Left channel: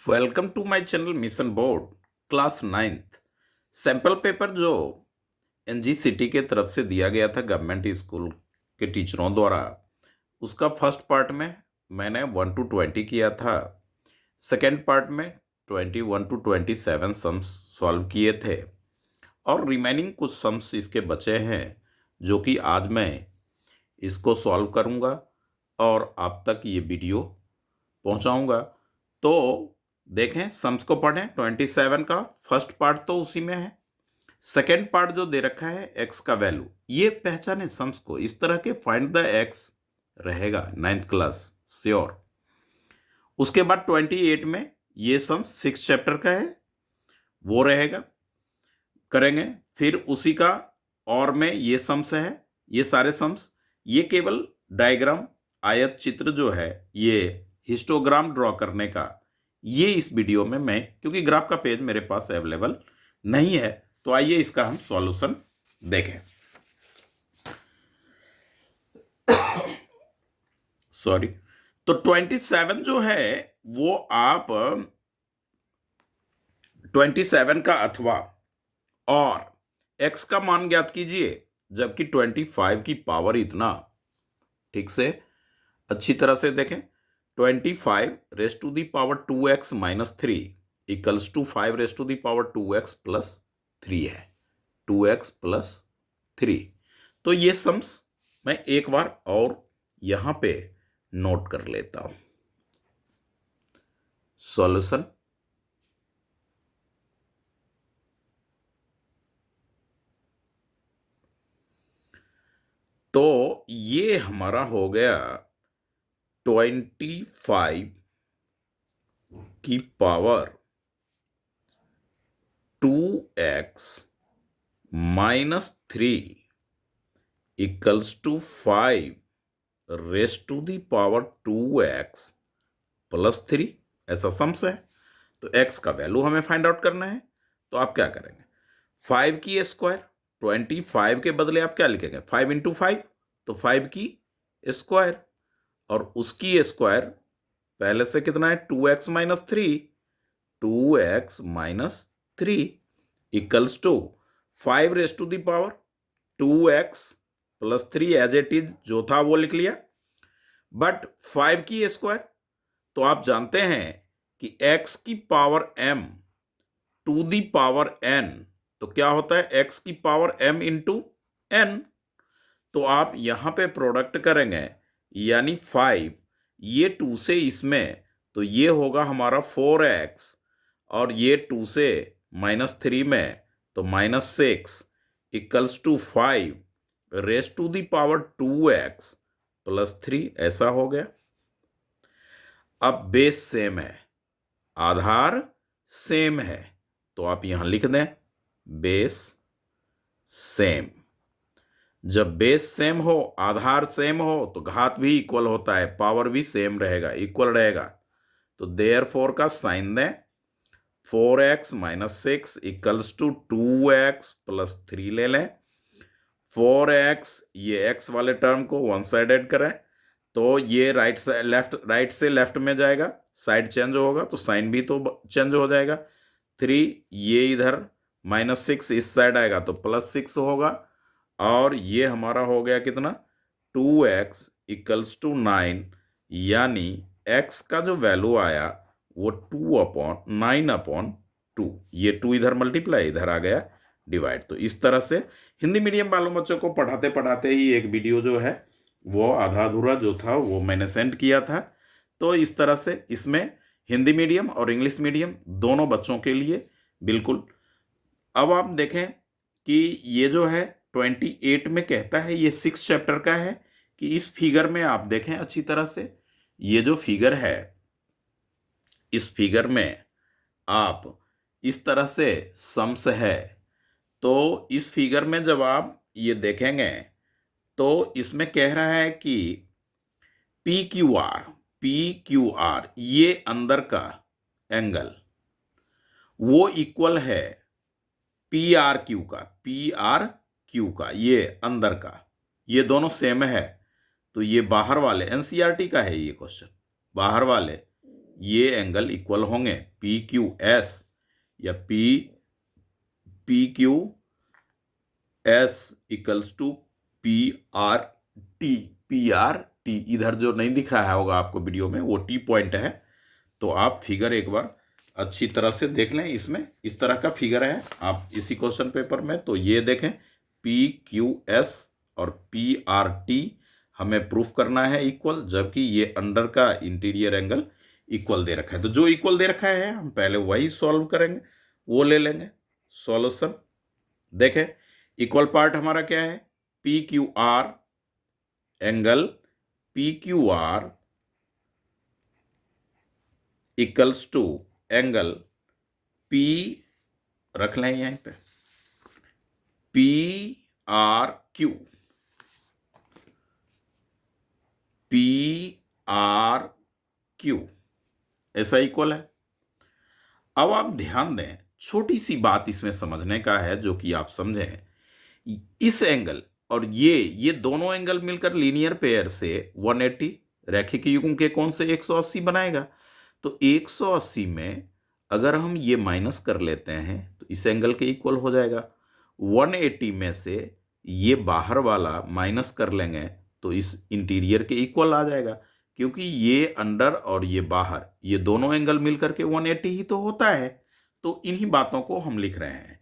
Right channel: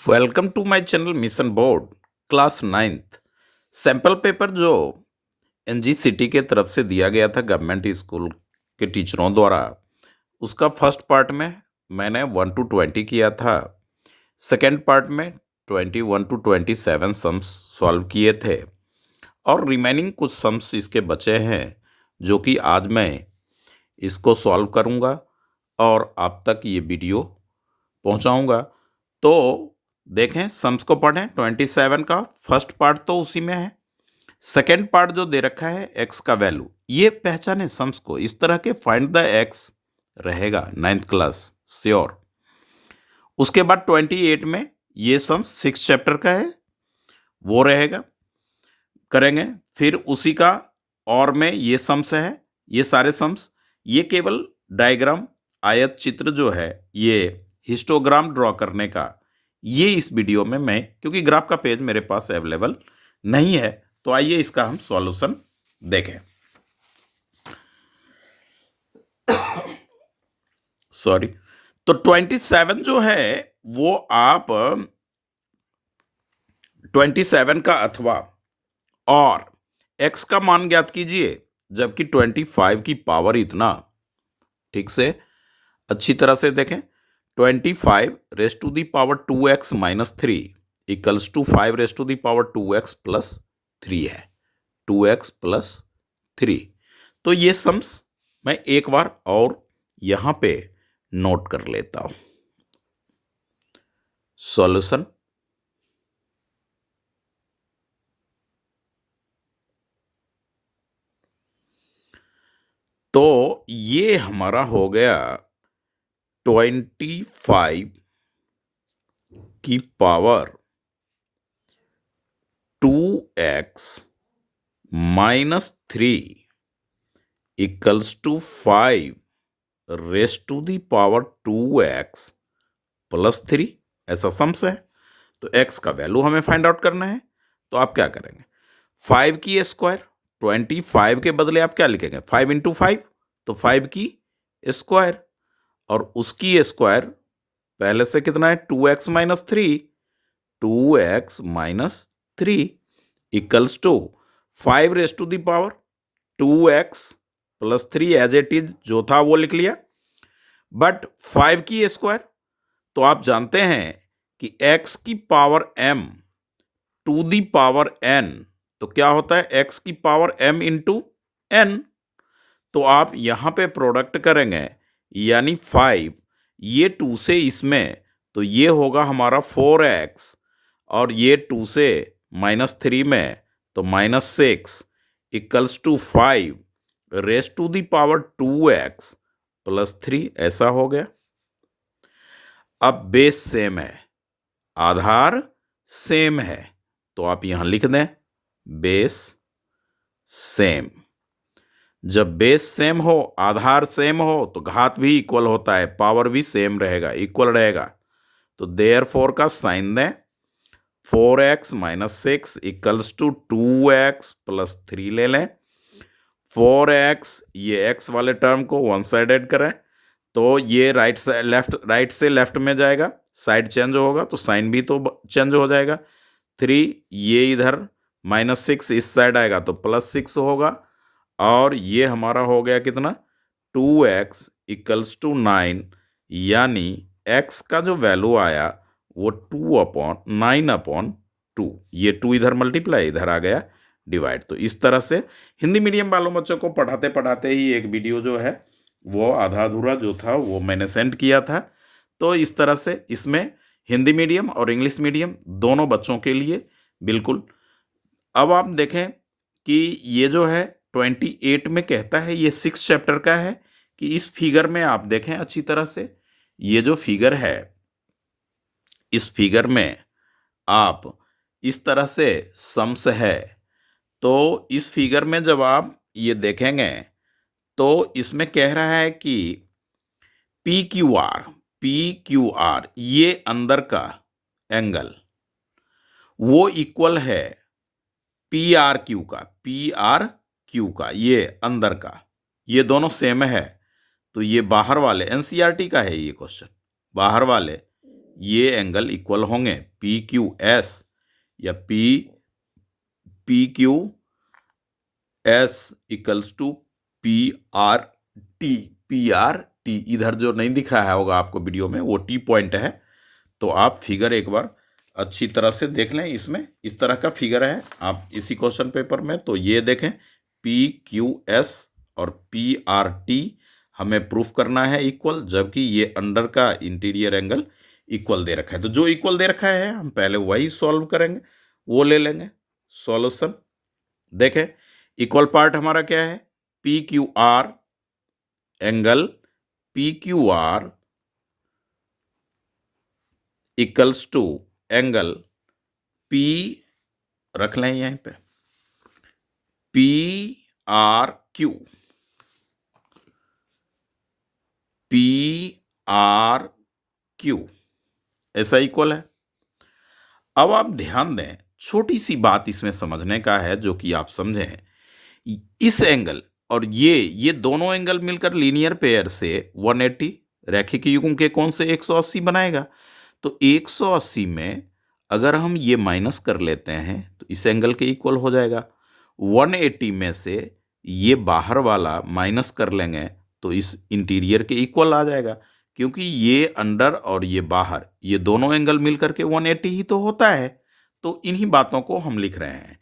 Welcome to my channel mission board class 9th sample paper जो एनजीसीटी के तरफ से दिया गया था गवर्नमेंट स्कूल के टीचरों द्वारा। उसका फर्स्ट पार्ट में मैंने 1 to 20 किया था। सेकंड पार्ट में 21 to 27 सम्स सॉल्व किए थे और रिमेनिंग कुछ सम्स इसके बचे हैं जो कि आज मैं इसको सॉल्व करूंगा और आप तक ये वीडियो पहुंचाऊंगा। तो देखें, सम्स को पढ़ें। 27 का फर्स्ट पार्ट तो उसी में है। सेकेंड पार्ट जो दे रखा है एक्स का वैल्यू, ये पहचाने सम्स को। इस तरह के फाइंड द एक्स रहेगा 9th क्लास श्योर। उसके बाद 28 में ये सम्स 6 चैप्टर का है, वो रहेगा, करेंगे। फिर उसी का और में ये सम्स है, ये सारे सम्स। ये केवल डायग्राम आयत चित्र जो है, ये हिस्टोग्राम ड्रॉ करने का, ये इस वीडियो में मैं, क्योंकि ग्राफ का पेज मेरे पास अवेलेबल नहीं है, तो आइए इसका हम सॉल्यूशन देखें। सॉरी। तो 27 जो है वो आप 27 का अथवा और x का मान ज्ञात कीजिए, जबकि 25 की पावर इतना, ठीक से अच्छी तरह से देखें। 25 raise to the power 2x minus 3 equals to 5 raise to the power 2x plus 3 है। 2x plus 3। तो ये सम्स मैं एक बार और यहां पे नोट कर लेता हूं। सॉल्यूशन। तो ये हमारा हो गया 25 की power 2x minus 3 equals to 5 raise to the power 2x plus 3, ऐसा सम्स है। तो x का वैल्यू हमें फाइंड आउट करना है। तो आप क्या करेंगे, 5 की स्क्वायर, 25 के बदले आप क्या लिखेंगे, 5 इंटू 5, तो 5 की स्क्वायर, और उसकी स्क्वायर पहले से कितना है, 2x minus 3, 2x minus 3 equals to 5 raise to the power 2x plus 3, as it is जो था वो लिख लिया। बट 5 की स्क्वायर, तो आप जानते हैं कि x की power m to the power n, तो क्या होता है, x की पावर m इंटू n। तो आप यहां पे प्रोडक्ट करेंगे, यानी 5, ये 2 से इसमें, तो ये होगा हमारा 4x, और ये 2 से माइनस 3 में, तो minus 6 equals to 5 raise to the power 2x plus 3, ऐसा हो गया। अब बेस सेम है, आधार सेम है, तो आप यहां लिख दें बेस सेम। जब बेस सेम हो, आधार सेम हो, तो घात भी इक्वल होता है, पावर भी सेम रहेगा, इक्वल रहेगा। तो देयरफॉर का साइन दें, 4x minus 6 equals to 2x plus 3 ले लें। 4x, ये x वाले टर्म को वन साइडेड करें, तो ये राइट से लेफ्ट में जाएगा, साइड चेंज होगा तो साइन भी तो चेंज हो जाएगा। 3, ये इधर माइनस 6 इस साइड आएगा तो प्लस 6 होगा, और ये हमारा हो गया कितना, 2x इक्वल्स टू 9, यानी x का जो वैल्यू आया वो 9/2। ये 2 इधर मल्टीप्लाई, इधर आ गया डिवाइड। तो इस तरह से हिंदी मीडियम वालों बच्चों को पढ़ाते पढ़ाते ही एक वीडियो जो है वो आधा अधूरा जो था वो मैंने सेंड किया था। तो इस तरह से इसमें हिंदी मीडियम और इंग्लिश मीडियम दोनों बच्चों के लिए बिल्कुल। अब आप देखें कि ये जो है 28 में कहता है, ये 6 चैप्टर का है, कि इस फिगर में आप देखें अच्छी तरह से, ये जो फिगर है, इस फिगर में आप इस तरह से सम्स है। तो इस फिगर में जब आप ये देखेंगे तो इसमें कह रहा है कि पी क्यू आर ये अंदर का एंगल वो इक्वल है पी आर क्यू का, ये अंदर का, ये दोनों सेम है। तो ये बाहर वाले, एनसीईआरटी का है ये क्वेश्चन, बाहर वाले ये एंगल इक्वल होंगे पी क्यू एस या P Q S equals to P R T. इधर जो नहीं दिख रहा है होगा आपको वीडियो में, वो टी पॉइंट है। तो आप फिगर एक बार अच्छी तरह से देख लें। इसमें इस तरह का फिगर है आप इसी क्वेश्चन पेपर में, तो ये देखें पी क्यू एस और पी आर टी हमें प्रूफ करना है इक्वल, जबकि ये अंडर का इंटीरियर एंगल इक्वल दे रखा है। तो जो इक्वल दे रखा है हम पहले वही सॉल्व करेंगे, वो ले लेंगे सॉल्यूशन। देखें इक्वल पार्ट हमारा क्या है, P Q R angle P Q R equals to angle P, रख लें यहीं पे, P R Q, P R Q ऐसा इक्वल है। अब आप ध्यान दें, छोटी सी बात इसमें समझने का है जो कि आप समझें, इस एंगल और ये दोनों एंगल मिलकर लीनियर पेयर से 180 रैखिक युग्म के कोण से 180 बनाएगा। तो 180 में अगर हम ये माइनस कर लेते हैं तो इस एंगल के इक्वल हो जाएगा। 180 में से ये बाहर वाला माइनस कर लेंगे तो इस इंटीरियर के इक्वल आ जाएगा, क्योंकि ये अंडर और ये बाहर ये दोनों एंगल मिलकर के 180 ही तो होता है। तो इन्हीं बातों को हम लिख रहे हैं।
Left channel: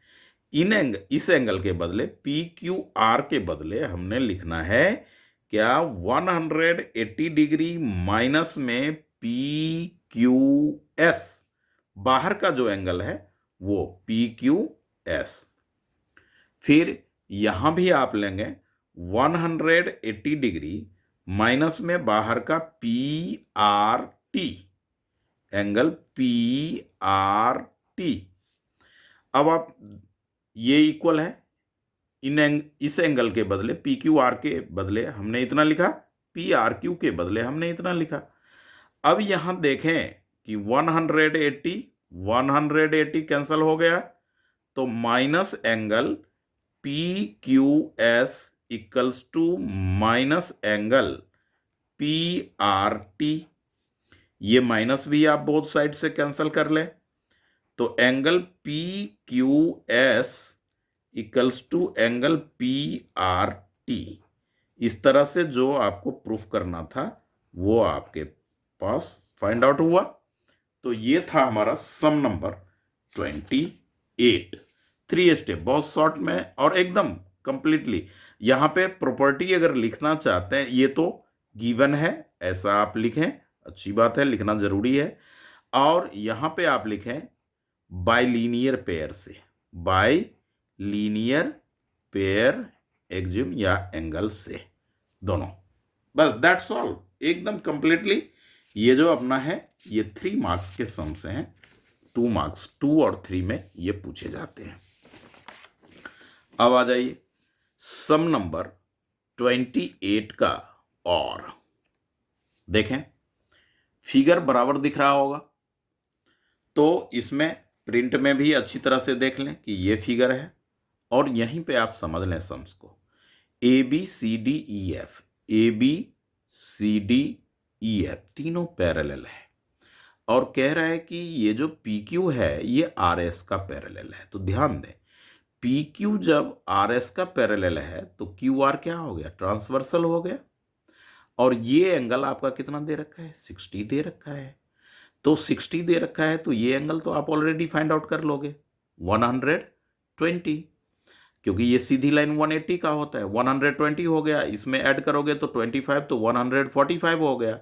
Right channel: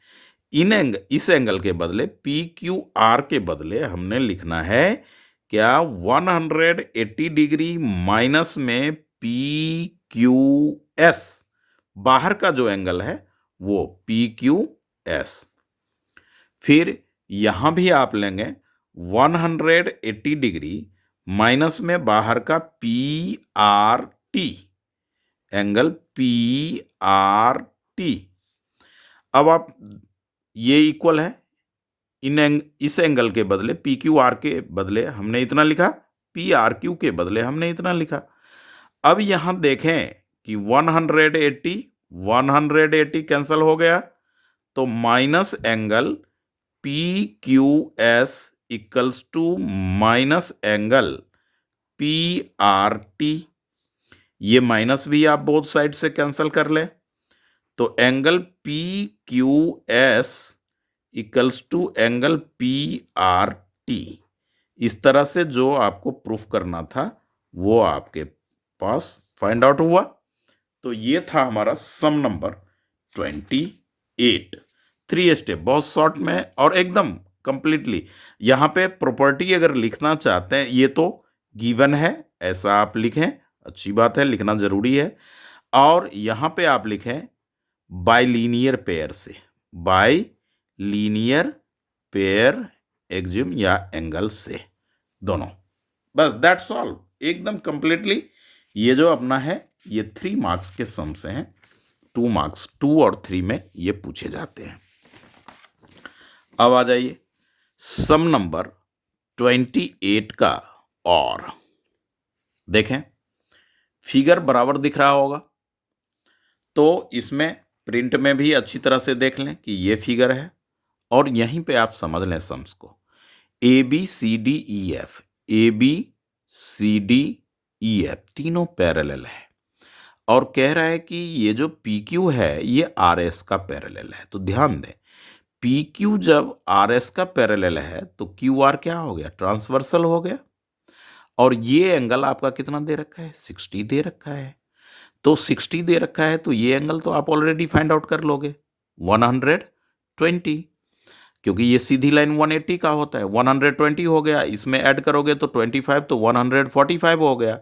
इस एंगल के बदले पी क्यू आर के बदले हमने लिखना है क्या, 180 डिग्री माइनस में पी क्यू एस, बाहर का जो एंगल है वो पी क्यू एस। फिर यहां भी आप लेंगे 180 डिग्री माइनस में बाहर का P R T, angle P R T. अब आप ये इक्वल है, इस एंगल के बदले पी क्यू आर के बदले हमने इतना लिखा, पी आर क्यू के बदले हमने इतना लिखा। अब यहां देखें कि 180 कैंसिल हो गया, तो minus angle P Q S equals to minus angle P R T. ये माइनस भी आप बोथ साइड से कैंसिल कर ले, तो angle P Q S equals to angle P R T. इस तरह से जो आपको प्रूफ करना था वो आपके पास फाइंड आउट हुआ। तो ये था हमारा सम नंबर 28। 3 स्टेप, बहुत शॉर्ट में और एकदम कंप्लीटली। यहां पे प्रॉपर्टी अगर लिखना चाहते हैं, ये तो गिवन है, ऐसा आप लिखें, अच्छी बात है, लिखना जरूरी है। और यहां पे आप लिखें बाइलीनियर पेयर से, बाई लीनियर पेयर एक्जिम या एंगल से, दोनों। बस दैट्स ऑल, एकदम कंप्लीटली। ये जो अपना है ये 3 मार्क्स के सम से हैं। 2 मार्क्स 2 और 3 में ये पूछे जाते हैं। अब आ जाइए सम नंबर 28 का। और देखें फिगर बराबर दिख रहा होगा, तो इसमें प्रिंट में भी अच्छी तरह से देख लें कि ये फिगर है, और यहीं पे आप समझ लें सम्स को। A B C D E F, A B C D E F तीनों पैरेलल है, और कह रहा है कि ये जो पी क्यू है ये आर एस का पैरेलल है। तो ध्यान दें, पी क्यू जब आर एस का पैरेलल है तो क्यू आर क्या हो गया, ट्रांसवर्सल हो गया। और ये एंगल आपका कितना दे रखा है, 60 दे रखा है। तो 60 दे रखा है तो ये एंगल तो आप ऑलरेडी फाइंड आउट कर लोगे, 120, क्योंकि ये सीधी लाइन 180 का होता है। 120 हो गया, इसमें ऐड करोगे तो 25, तो 145 हो गया।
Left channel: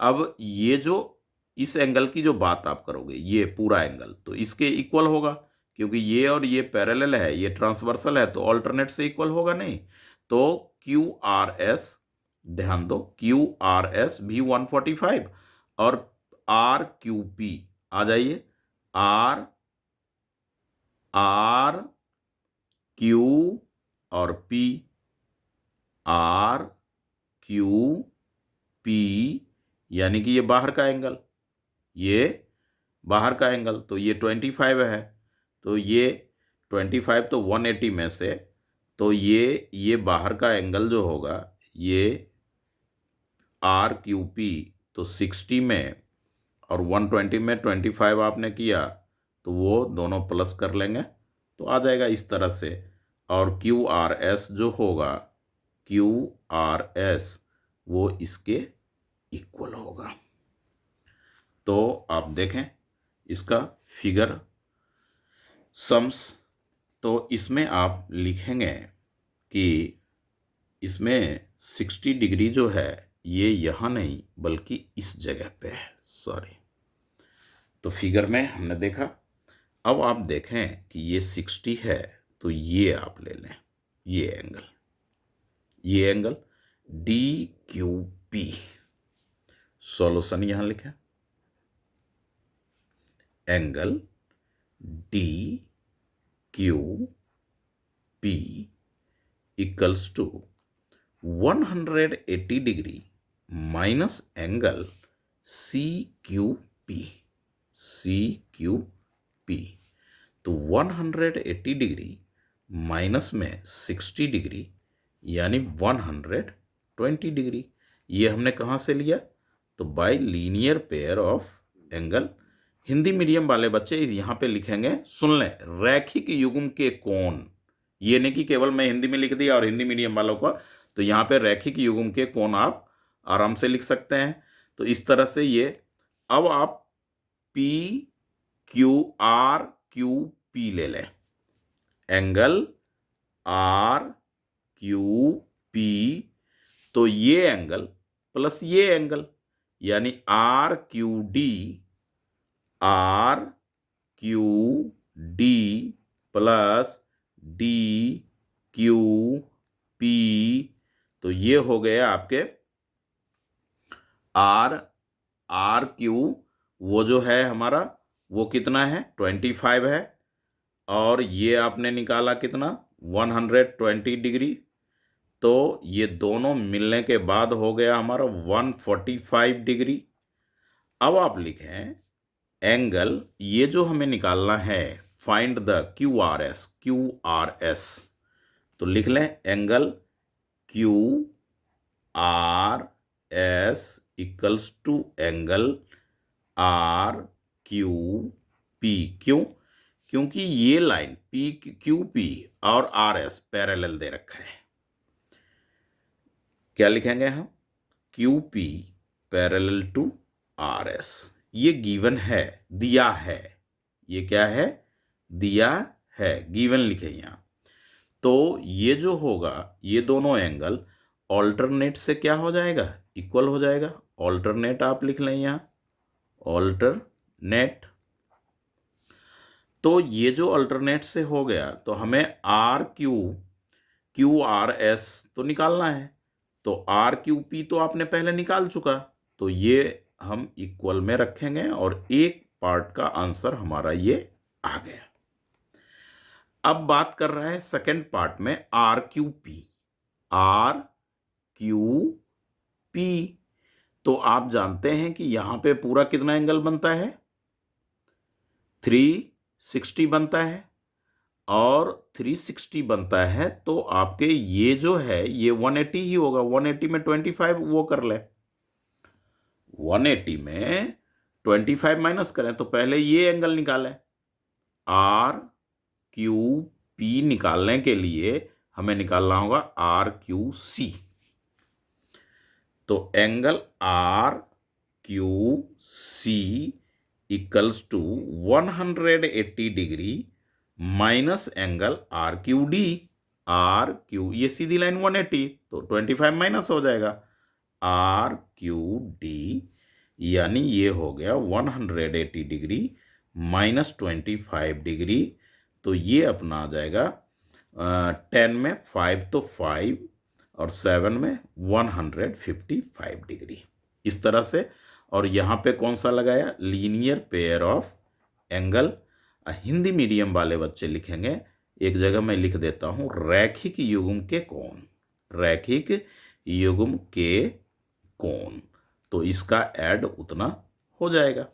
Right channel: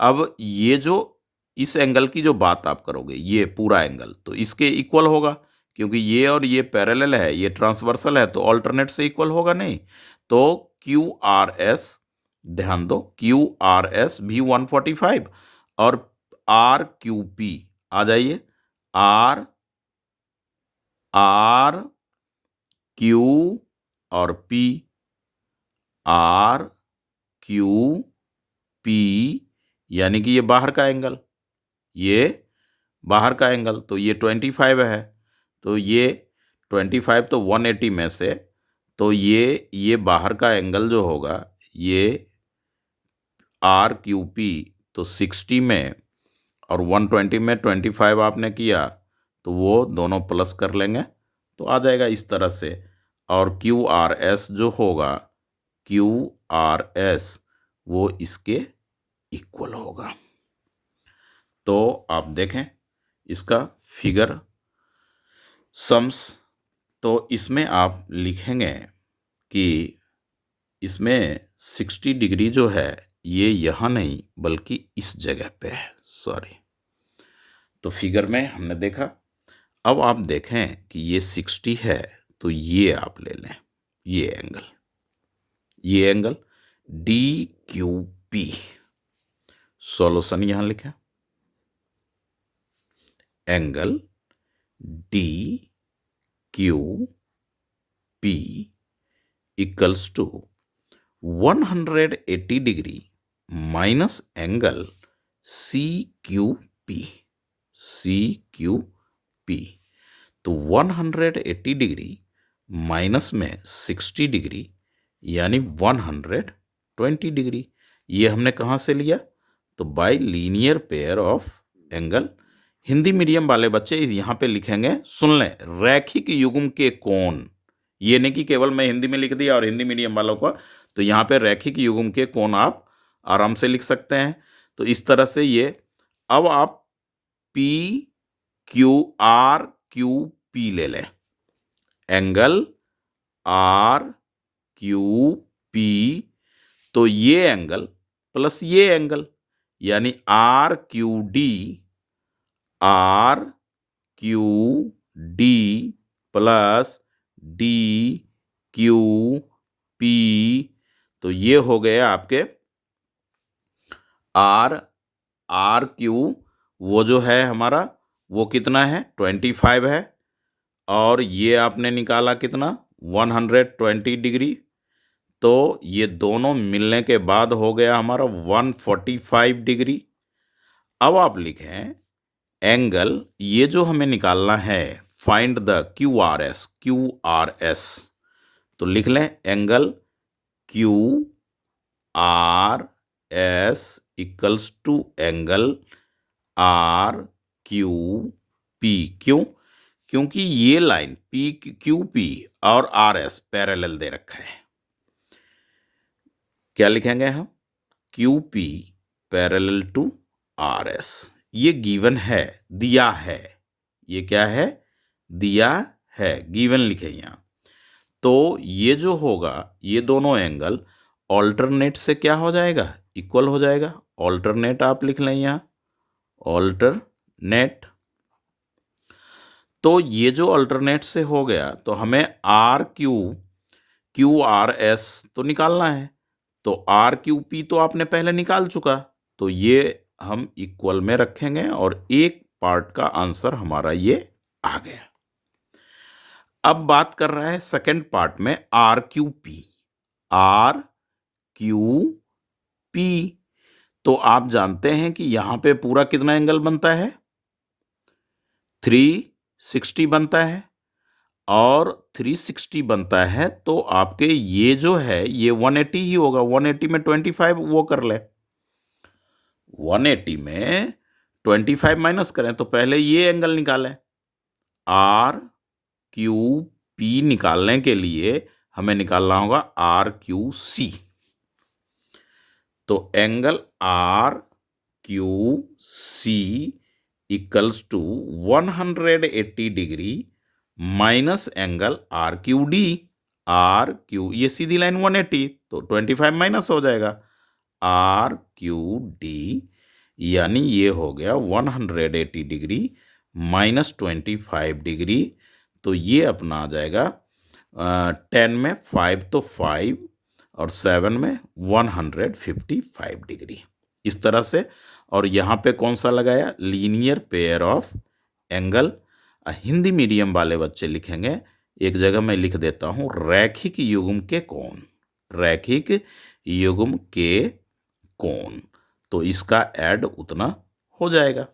अब ये जो इस एंगल की जो बात आप करोगे, ये पूरा एंगल तो इसके इक्वल होगा, क्योंकि ये और ये पैरेलल है, ये ट्रांसवर्सल है, तो ऑल्टरनेट से इक्वल होगा नहीं। तो क्यू आर एस, ध्यान दो, क्यू आर एस भी 145, और आर क्यू पी आ जाइए, आर आर क्यू और पी, आर क्यू पी, यानी कि ये बाहर का एंगल, ये बाहर का एंगल, तो ये 25 है। तो ये 25 तो 180 में से, तो ये बाहर का एंगल जो होगा ये आर क्यू पी, तो 60 में और 120 में 25 आपने किया तो वो दोनों प्लस कर लेंगे तो आ जाएगा इस तरह से। और क्यू आर एस जो होगा, क्यू आर एस वो इसके इक्वल होगा। तो आप देखें इसका फिगर सम्स, तो इसमें आप लिखेंगे कि इसमें 60 डिग्री जो है ये यहाँ नहीं बल्कि इस जगह पे है, सॉरी। तो फिगर में हमने देखा। अब आप देखें कि ये 60 है तो ये आप ले लें, ये angle D Q P. Solution यहां लिखें, angle D Q P equals to 180 degree minus angle C Q P. तो 180 डिग्री माइनस में 60 डिग्री यानी 120 डिग्री। ये हमने कहाँ से लिया? तो bye linear pair of angle. Hindi medium वाले बच्चे यहाँ पे लिखेंगे, सुन लें, रैखिक युग्म के कोण। ये नहीं कि केवल मैं हिंदी में लिख दिया और हिंदी मीडियम वालों को, तो यहाँ पे रैखिक युग्म के कोण आप आराम से लिख सकते हैं। तो इस तरह से ये, अब आप P Q R Q P ले लें, एंगल आर क्यू पी, तो ये एंगल प्लस ये एंगल यानी R Q D plus D Q P. तो ये हो गए आपके आर क्यू, वो जो है हमारा वो कितना है 25 है, और ये आपने निकाला कितना 120 डिग्री। तो ये दोनों मिलने के बाद हो गया हमारा 145 डिग्री। अब आप लिखें एंगल, ये जो हमें निकालना है, find the Q R S. तो लिख लें angle Q R S equals to angle R Q P. क्यों? क्योंकि ये लाइन पी क्यू पी और आर एस पैरेलल दे रखा है। क्या लिखेंगे हम? Q P parallel to R S. ये गिवन है, दिया है। ये क्या है? दिया है, गिवन लिखे यहां। तो ये जो होगा, ये दोनों एंगल ऑल्टरनेट से क्या हो जाएगा? इक्वल हो जाएगा। ऑल्टरनेट आप लिख लें यहां, ऑल्टरनेट। तो ये जो अल्टरनेट से हो गया, तो हमें क्यू आर एस तो निकालना है। तो आर क्यू पी तो आपने पहले निकाल चुका, तो ये हम इक्वल में रखेंगे और एक पार्ट का आंसर हमारा ये आ गया। अब बात कर रहा है सेकंड पार्ट में आर क्यू पी। तो आप जानते हैं कि यहां पे पूरा कितना एंगल बनता है? 360 बनता है, और 360 बनता है तो आपके ये जो है ये 180 ही होगा। 180 में 25 वो कर ले, 180 में 25 माइनस करें तो पहले ये एंगल निकालें। आर क्यू पी निकालने के लिए हमें निकालना होगा आर क्यू सी। तो angle R Q C equals to 180 degree minus angle R Q, ये सीधी लाइन 180, तो 25 माइनस हो जाएगा आर क्यू डी, यानी ये हो गया 180 डिग्री माइनस 25 डिग्री। तो ये अपना आ जाएगा 10 में 5 तो 5 और 7 में 155 डिग्री, इस तरह से। और यहाँ पे कौन सा लगाया? Linear pair of angle. Hindi medium वाले बच्चे लिखेंगे, एक जगह मैं लिख देता हूँ, रैखिक युग्म के कोण, रैखिक युग्म के कोण। तो इसका ऐड उतना हो जाएगा।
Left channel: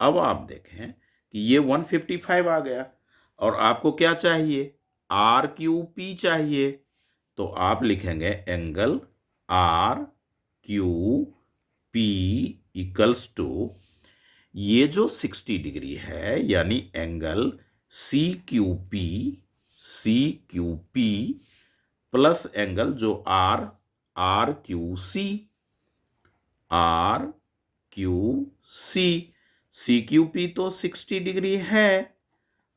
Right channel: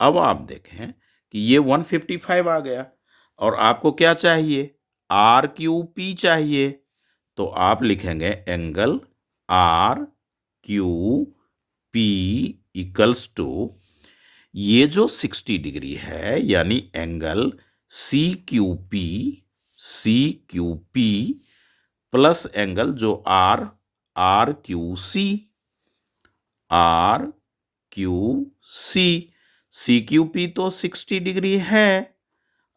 अब आप देखें कि ये 155 आ गया और आपको क्या चाहिए? आर क्यू पी चाहिए। तो आप लिखेंगे angle R Q P equals to, ये जो 60 डिग्री है यानी angle C Q P plus angle जो R Q C Q P तो 60 डिग्री है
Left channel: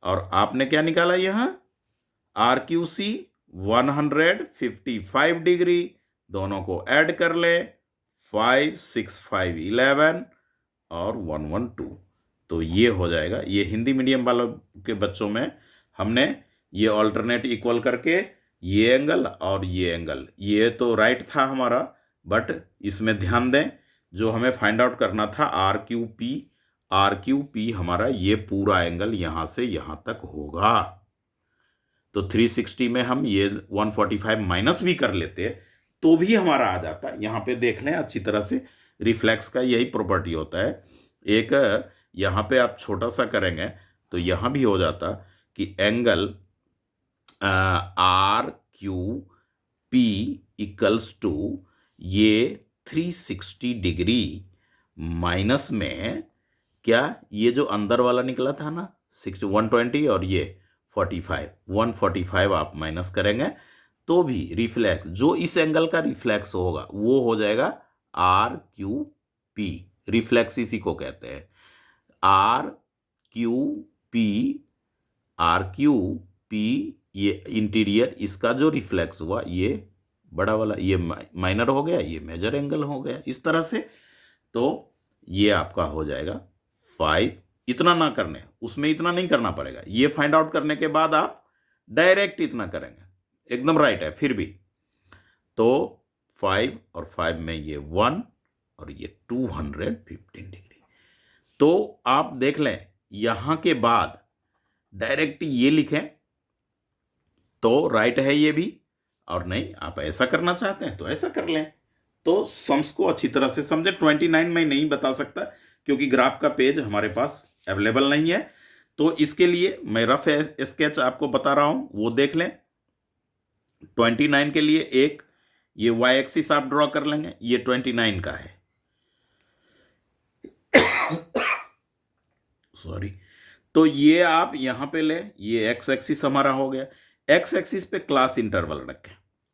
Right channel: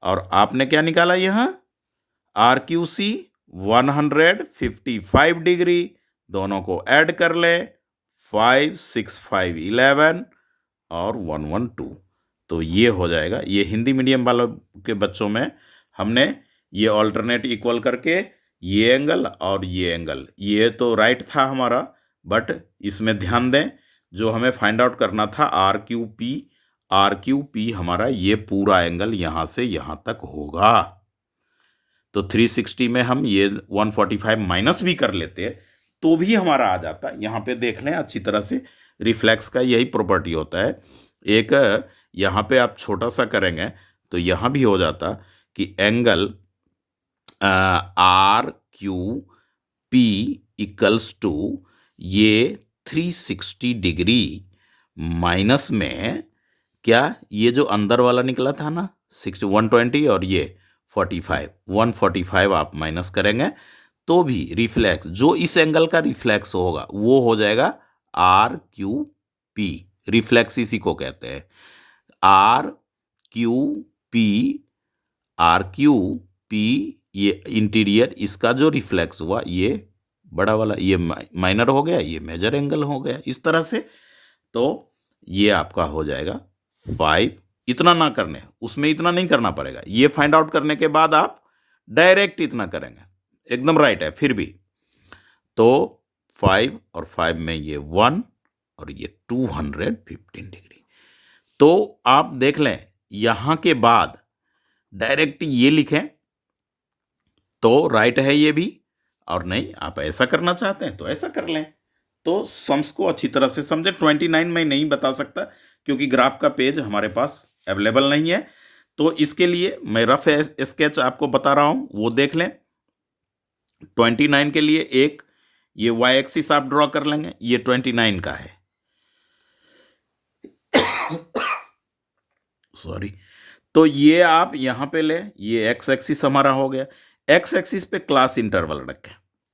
और आपने क्या निकाला यहां आर क्यू सी 155 डिग्री। दोनों को ऐड कर ले 5 6 5 11 और 112। तो ये हो जाएगा। ये हिंदी मीडियम वालों के बच्चों में हमने ये ऑल्टरनेट इक्वल करके ये एंगल और ये एंगल, ये तो राइट था हमारा, बट इसमें ध्यान दें जो हमें फाइंड आउट करना था आर क्यू पी हमारा ये पूरा एंगल यहां से यहां तक होगा। तो 360 में हम ये 145 माइनस भी कर लेते तो भी हमारा आ जाता। यहाँ पे देख लें अच्छी तरह से, रिफ्लेक्स का यही प्रॉपर्टी होता है। एक यहाँ पे आप छोटा सा करेंगे तो यहाँ भी हो जाता कि angle R Q P equals to ये 360 डिग्री माइनस में क्या ये जो अंदर वाला निकला था ना 120 और ये 145 आप माइनस करेंगे तो भी रिफ्लेक्स जो इस एंगल का रिफ्लेक्स होगा वो हो जाएगा आर क्यू पी। रिफ्लेक्स इसी को कहते हैं R Q P. R Q P ये इंटीरियर, इसका जो रिफ्लेक्स हुआ ये बड़ा वाला ये माइनर हो गया, ये मेजर एंगल हो गया इस तरह से। तो ये आपका हो जाएगा 5। इतना ना करने, उसमें इतना नहीं करना पड़ेगा। ये फाइंड आउट करने के बाद आप डायरेक्ट इतना करेंगे, एकदम राइट है फिर भी। तो 5 और 5 में ये 1 और ये 215 डिग्री। तो आप देख लें यहां के बाद डायरेक्ट ये लिखें तो राइट है ये भी, और नहीं आप ऐसा करना चाहते हैं तो ऐसा कर लें। तो सम्स को अच्छी तरह से समझे। 29 में नहीं बता सकता क्योंकि ग्राफ का पेज हमारे पास अवेलेबल नहीं है। तो इसके लिए मैं रफ स्केच आपको बता रहा हूं, वो देख लें। 29 के लिए एक ये वाई एक्सिस आप ड्रॉ कर लेंगे, ये 29 का है सॉरी। तो ये आप यहां पे ले, ये एक्स एक्सिस हमारा हो गया। एक्स एक्सिस पे क्लास इंटरवल रखें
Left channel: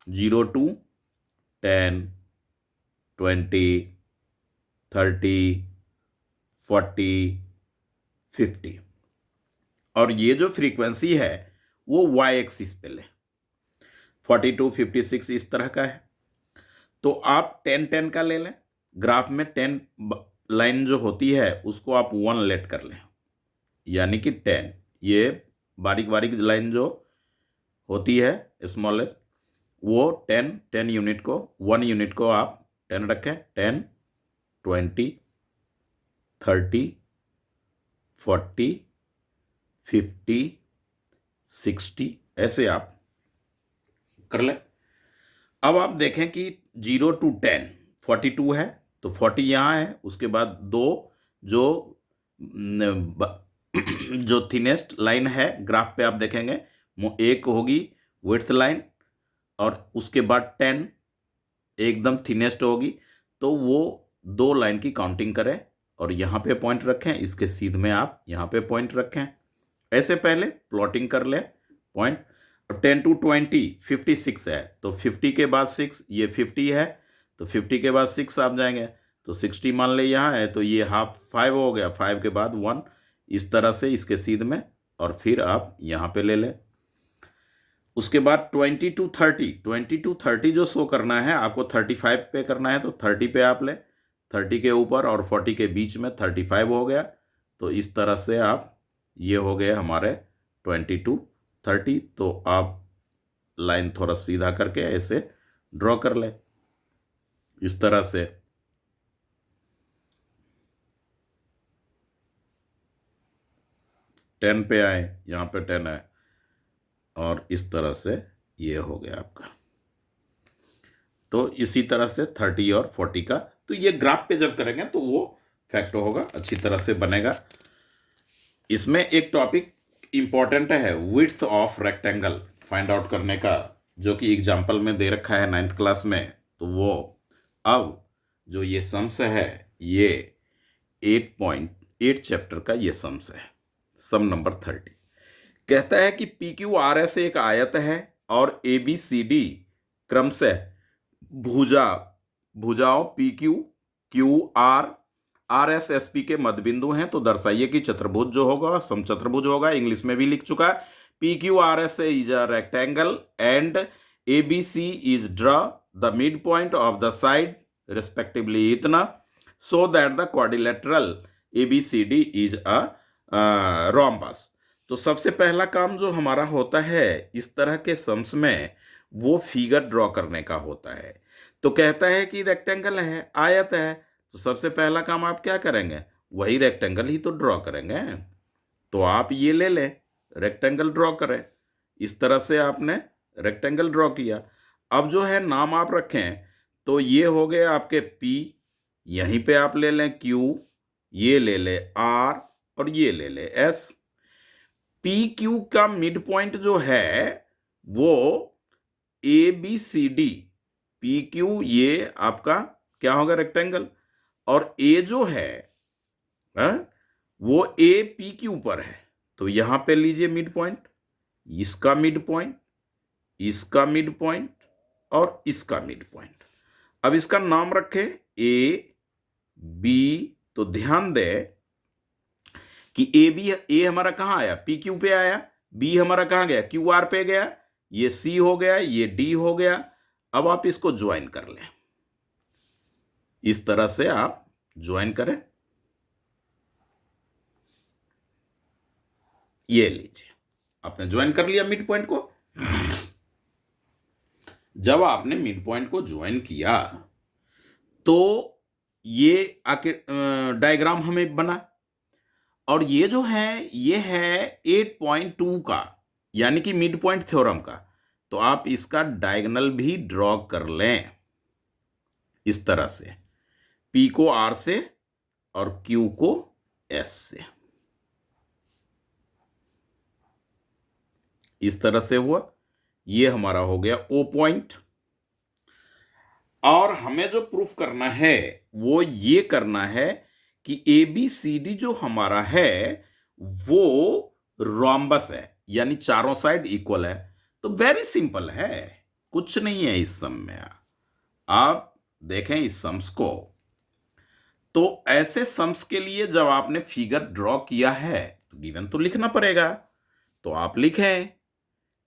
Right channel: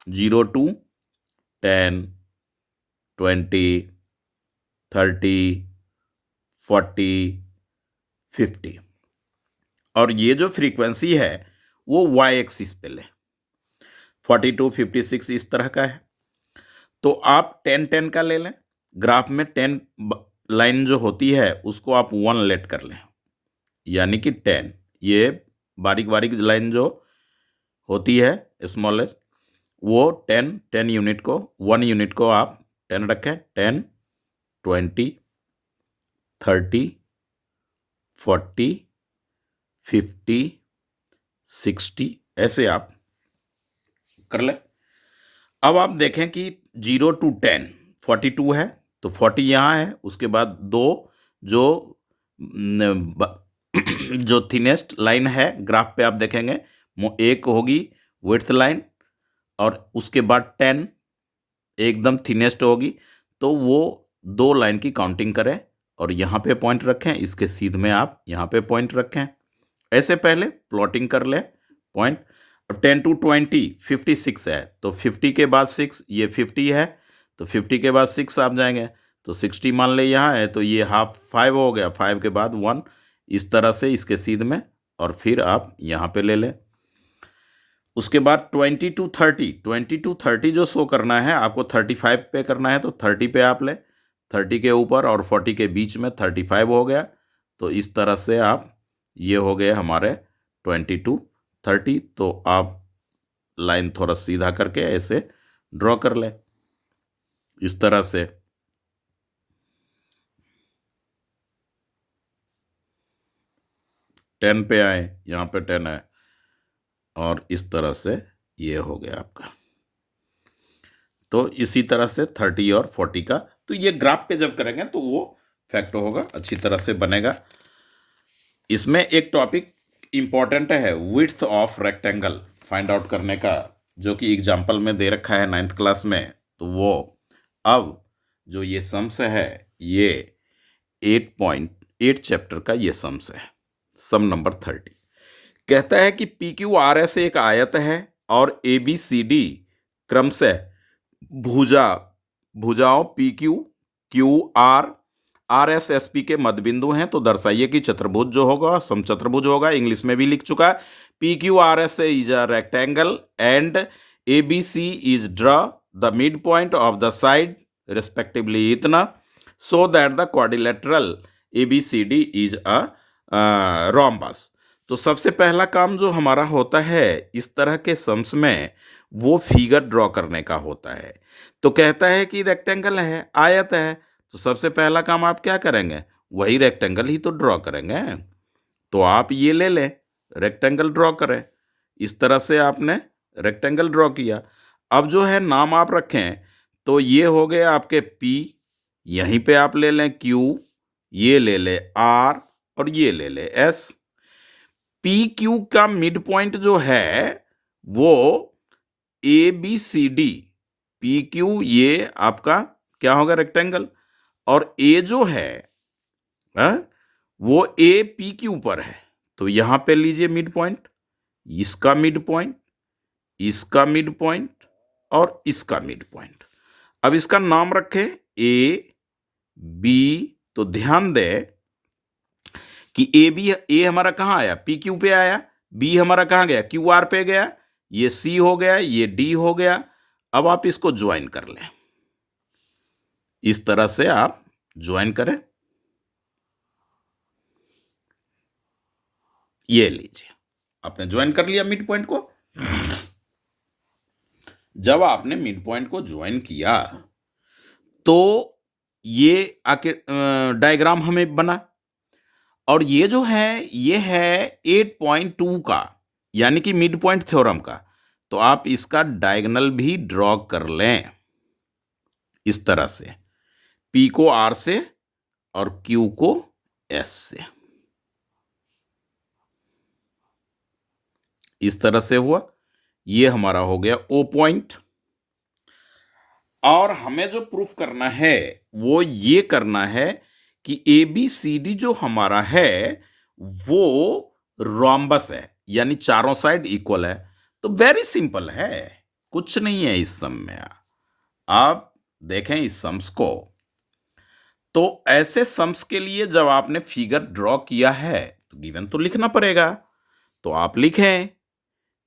0 to 10 20 30 40 50 और ये जो फ्रीक्वेंसी है वो वाई एक्सिस पे ले 42 56 इस तरह का है। तो आप 10 10 का ले लें। ग्राफ में 10 लाइन जो होती है उसको आप 1 लेट कर लें, यानी कि 10। ये बारीक बारीक लाइन जो होती है स्मॉलेस्ट वो 10 यूनिट को 1 यूनिट को आप 10 रखें। 10 20 30 40 50 60 ऐसे आप कर लें। अब आप देखें कि 0 to 10 42 है तो 40 यहाँ है, उसके बाद दो जो जो थिनेस्ट लाइन है ग्राफ पे आप देखेंगे एक होगी विड्थ लाइन और उसके बाद 10 एकदम थिनेस्ट होगी। तो वो दो लाइन की काउंटिंग करें और यहाँ पे पॉइंट रखें, इसके सीध में आप यहाँ पे पॉइंट रखें। ऐसे पहले प्लॉटिंग कर लें पॉइंट। 10 to 20 56 है तो 50 के बाद 6 ये 50 है तो 50 के बाद 6 आप जाएंगे तो 60 मान ले यहाँ है तो ये हाफ 5 हो गया, 5 के बाद 1 इस तरह से इसके सीध में और फिर आप यहाँ पे ले लें। उसके बाद 20 to 30 जो शो करना है आपको 35 पे करना है तो 30 पे आप ले, 30 के ऊपर और 40 के बीच में 35 हो गया। तो इस तरह से आप ये हो गए हमारे 20 to 30। तो आप लाइन थोड़ा सीधा करके ऐसे ड्रॉ कर ले इस तरह से। टेन पे आए, यहाँ पे 10 है और इस तरह से ये हो गया आपका। तो इसी तरह से 30 और 40 का तो ये ग्राफ पे जब करेंगे तो वो फैक्ट होगा, अच्छी तरह से बनेगा। इसमें एक टॉपिक इंपॉर्टेंट है width of rectangle find out करने का, जो कि एग्जाम्पल में दे रखा है 9th क्लास में। तो वो अब जो ये सम्स है ये 8 चैप्टर का ये सम्स है। सम नंबर 30 कहता है कि पी क्यू आर एस एक आयत है और ए बी सी डी क्रमशः भुजा भुजाओं P Q Q R R S S P के मध्य बिंदु हैं, तो दर्शाइए कि चतुर्भुज जो होगा समचतुर्भुज होगा। इंग्लिश में भी लिख चुका है। P Q R S is a rectangle and A B C is draw the mid point of the side respectively इतना so that the quadrilateral A B C D is a rhombus. तो सबसे पहला काम जो हमारा होता है इस तरह के सम्स में वो फिगर ड्रॉ करने का होता है। तो कहता है कि रेक्टेंगल है, आयत है, तो सबसे पहला काम आप क्या करेंगे, वही रेक्टेंगल ही तो ड्रॉ करेंगे। तो आप ये ले लें, रेक्टेंगल ड्रॉ करें। इस तरह से आपने रेक्टेंगल ड्रॉ किया। अब जो है नाम आप रखें, तो ये हो गए आपके P, यहीं पे आप ले लें Q, ये ले ले R और ये ले ले S। पी क्यू का मिड पॉइंट जो है वो A B C D, P Q ये आपका क्या होगा, रेक्टेंगल, और ए जो है वो ए पी क्यू पर है। तो यहां पे लीजिए मिड पॉइंट, इसका मिड पॉइंट, इसका मिड पॉइंट और इसका मिड पॉइंट। अब इसका नाम रखे ए बी। तो ध्यान दे कि ए हमारा कहां आया, पी क्यू पे आया, बी हमारा कहां गया, क्यू आर पे गया, ये सी हो गया, ये डी हो गया। अब आप इसको ज्वाइन कर लें, इस तरह से आप ज्वाइन करें। ये लीजिए, आपने ज्वाइन कर लिया मिड पॉइंट को। जब आपने मिड पॉइंट को ज्वाइन किया तो ये आके डायग्राम हमें बना, और ये जो है ये है 8.2 का, यानी कि मिड पॉइंट थ्योरम का। तो आप इसका डायगोनल भी ड्रॉ कर लें इस तरह से, P को R से और Q को S से। इस तरह से हुआ, ये हमारा हो गया O पॉइंट। और हमें जो प्रूफ करना है वो ये करना है कि ए बी सी डी जो हमारा है वो रोम्बस है, यानी चारों साइड इक्वल है। तो वेरी सिंपल है, कुछ नहीं है इस सम में। आप देखें इस सम्स को, तो ऐसे सम्स के लिए जब आपने फिगर ड्रॉ किया है तो गिवन तो लिखना पड़ेगा। तो आप लिखें,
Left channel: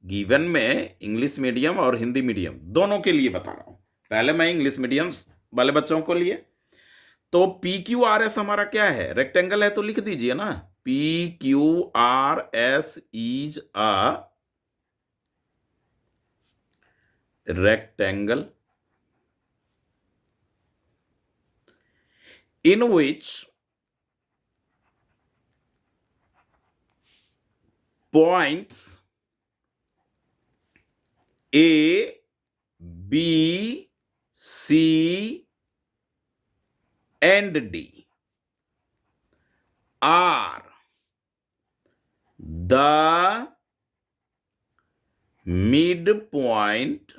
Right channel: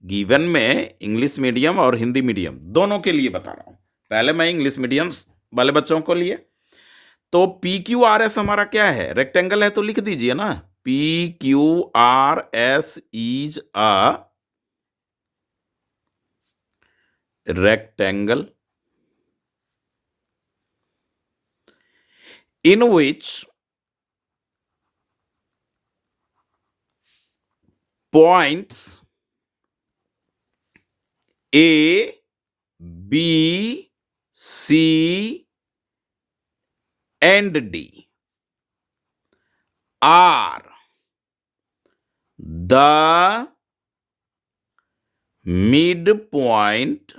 गिवन में इंग्लिश मीडियम और हिंदी मीडियम दोनों के लिए बता रहा हूं। पहले मैं इंग्लिश मीडियम वाले बच्चों को लिए, तो पी क्यू आर एस हमारा क्या है, रेक्टेंगल है, तो लिख दीजिए ना, P Q R S is a rectangle in which points A, B, C and D are the midpoint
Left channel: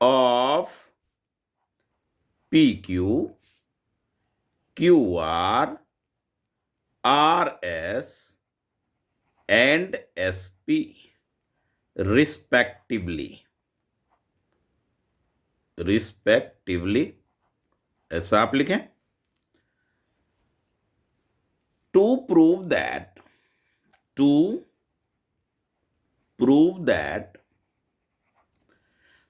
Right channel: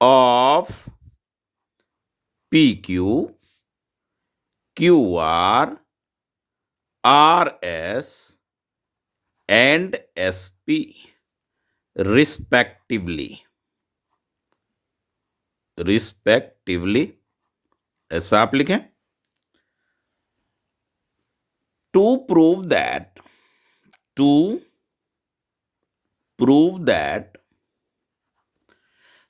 of PQ, QR, RS and SP respectively। ऐसा आप लिखें। टू प्रूव दैट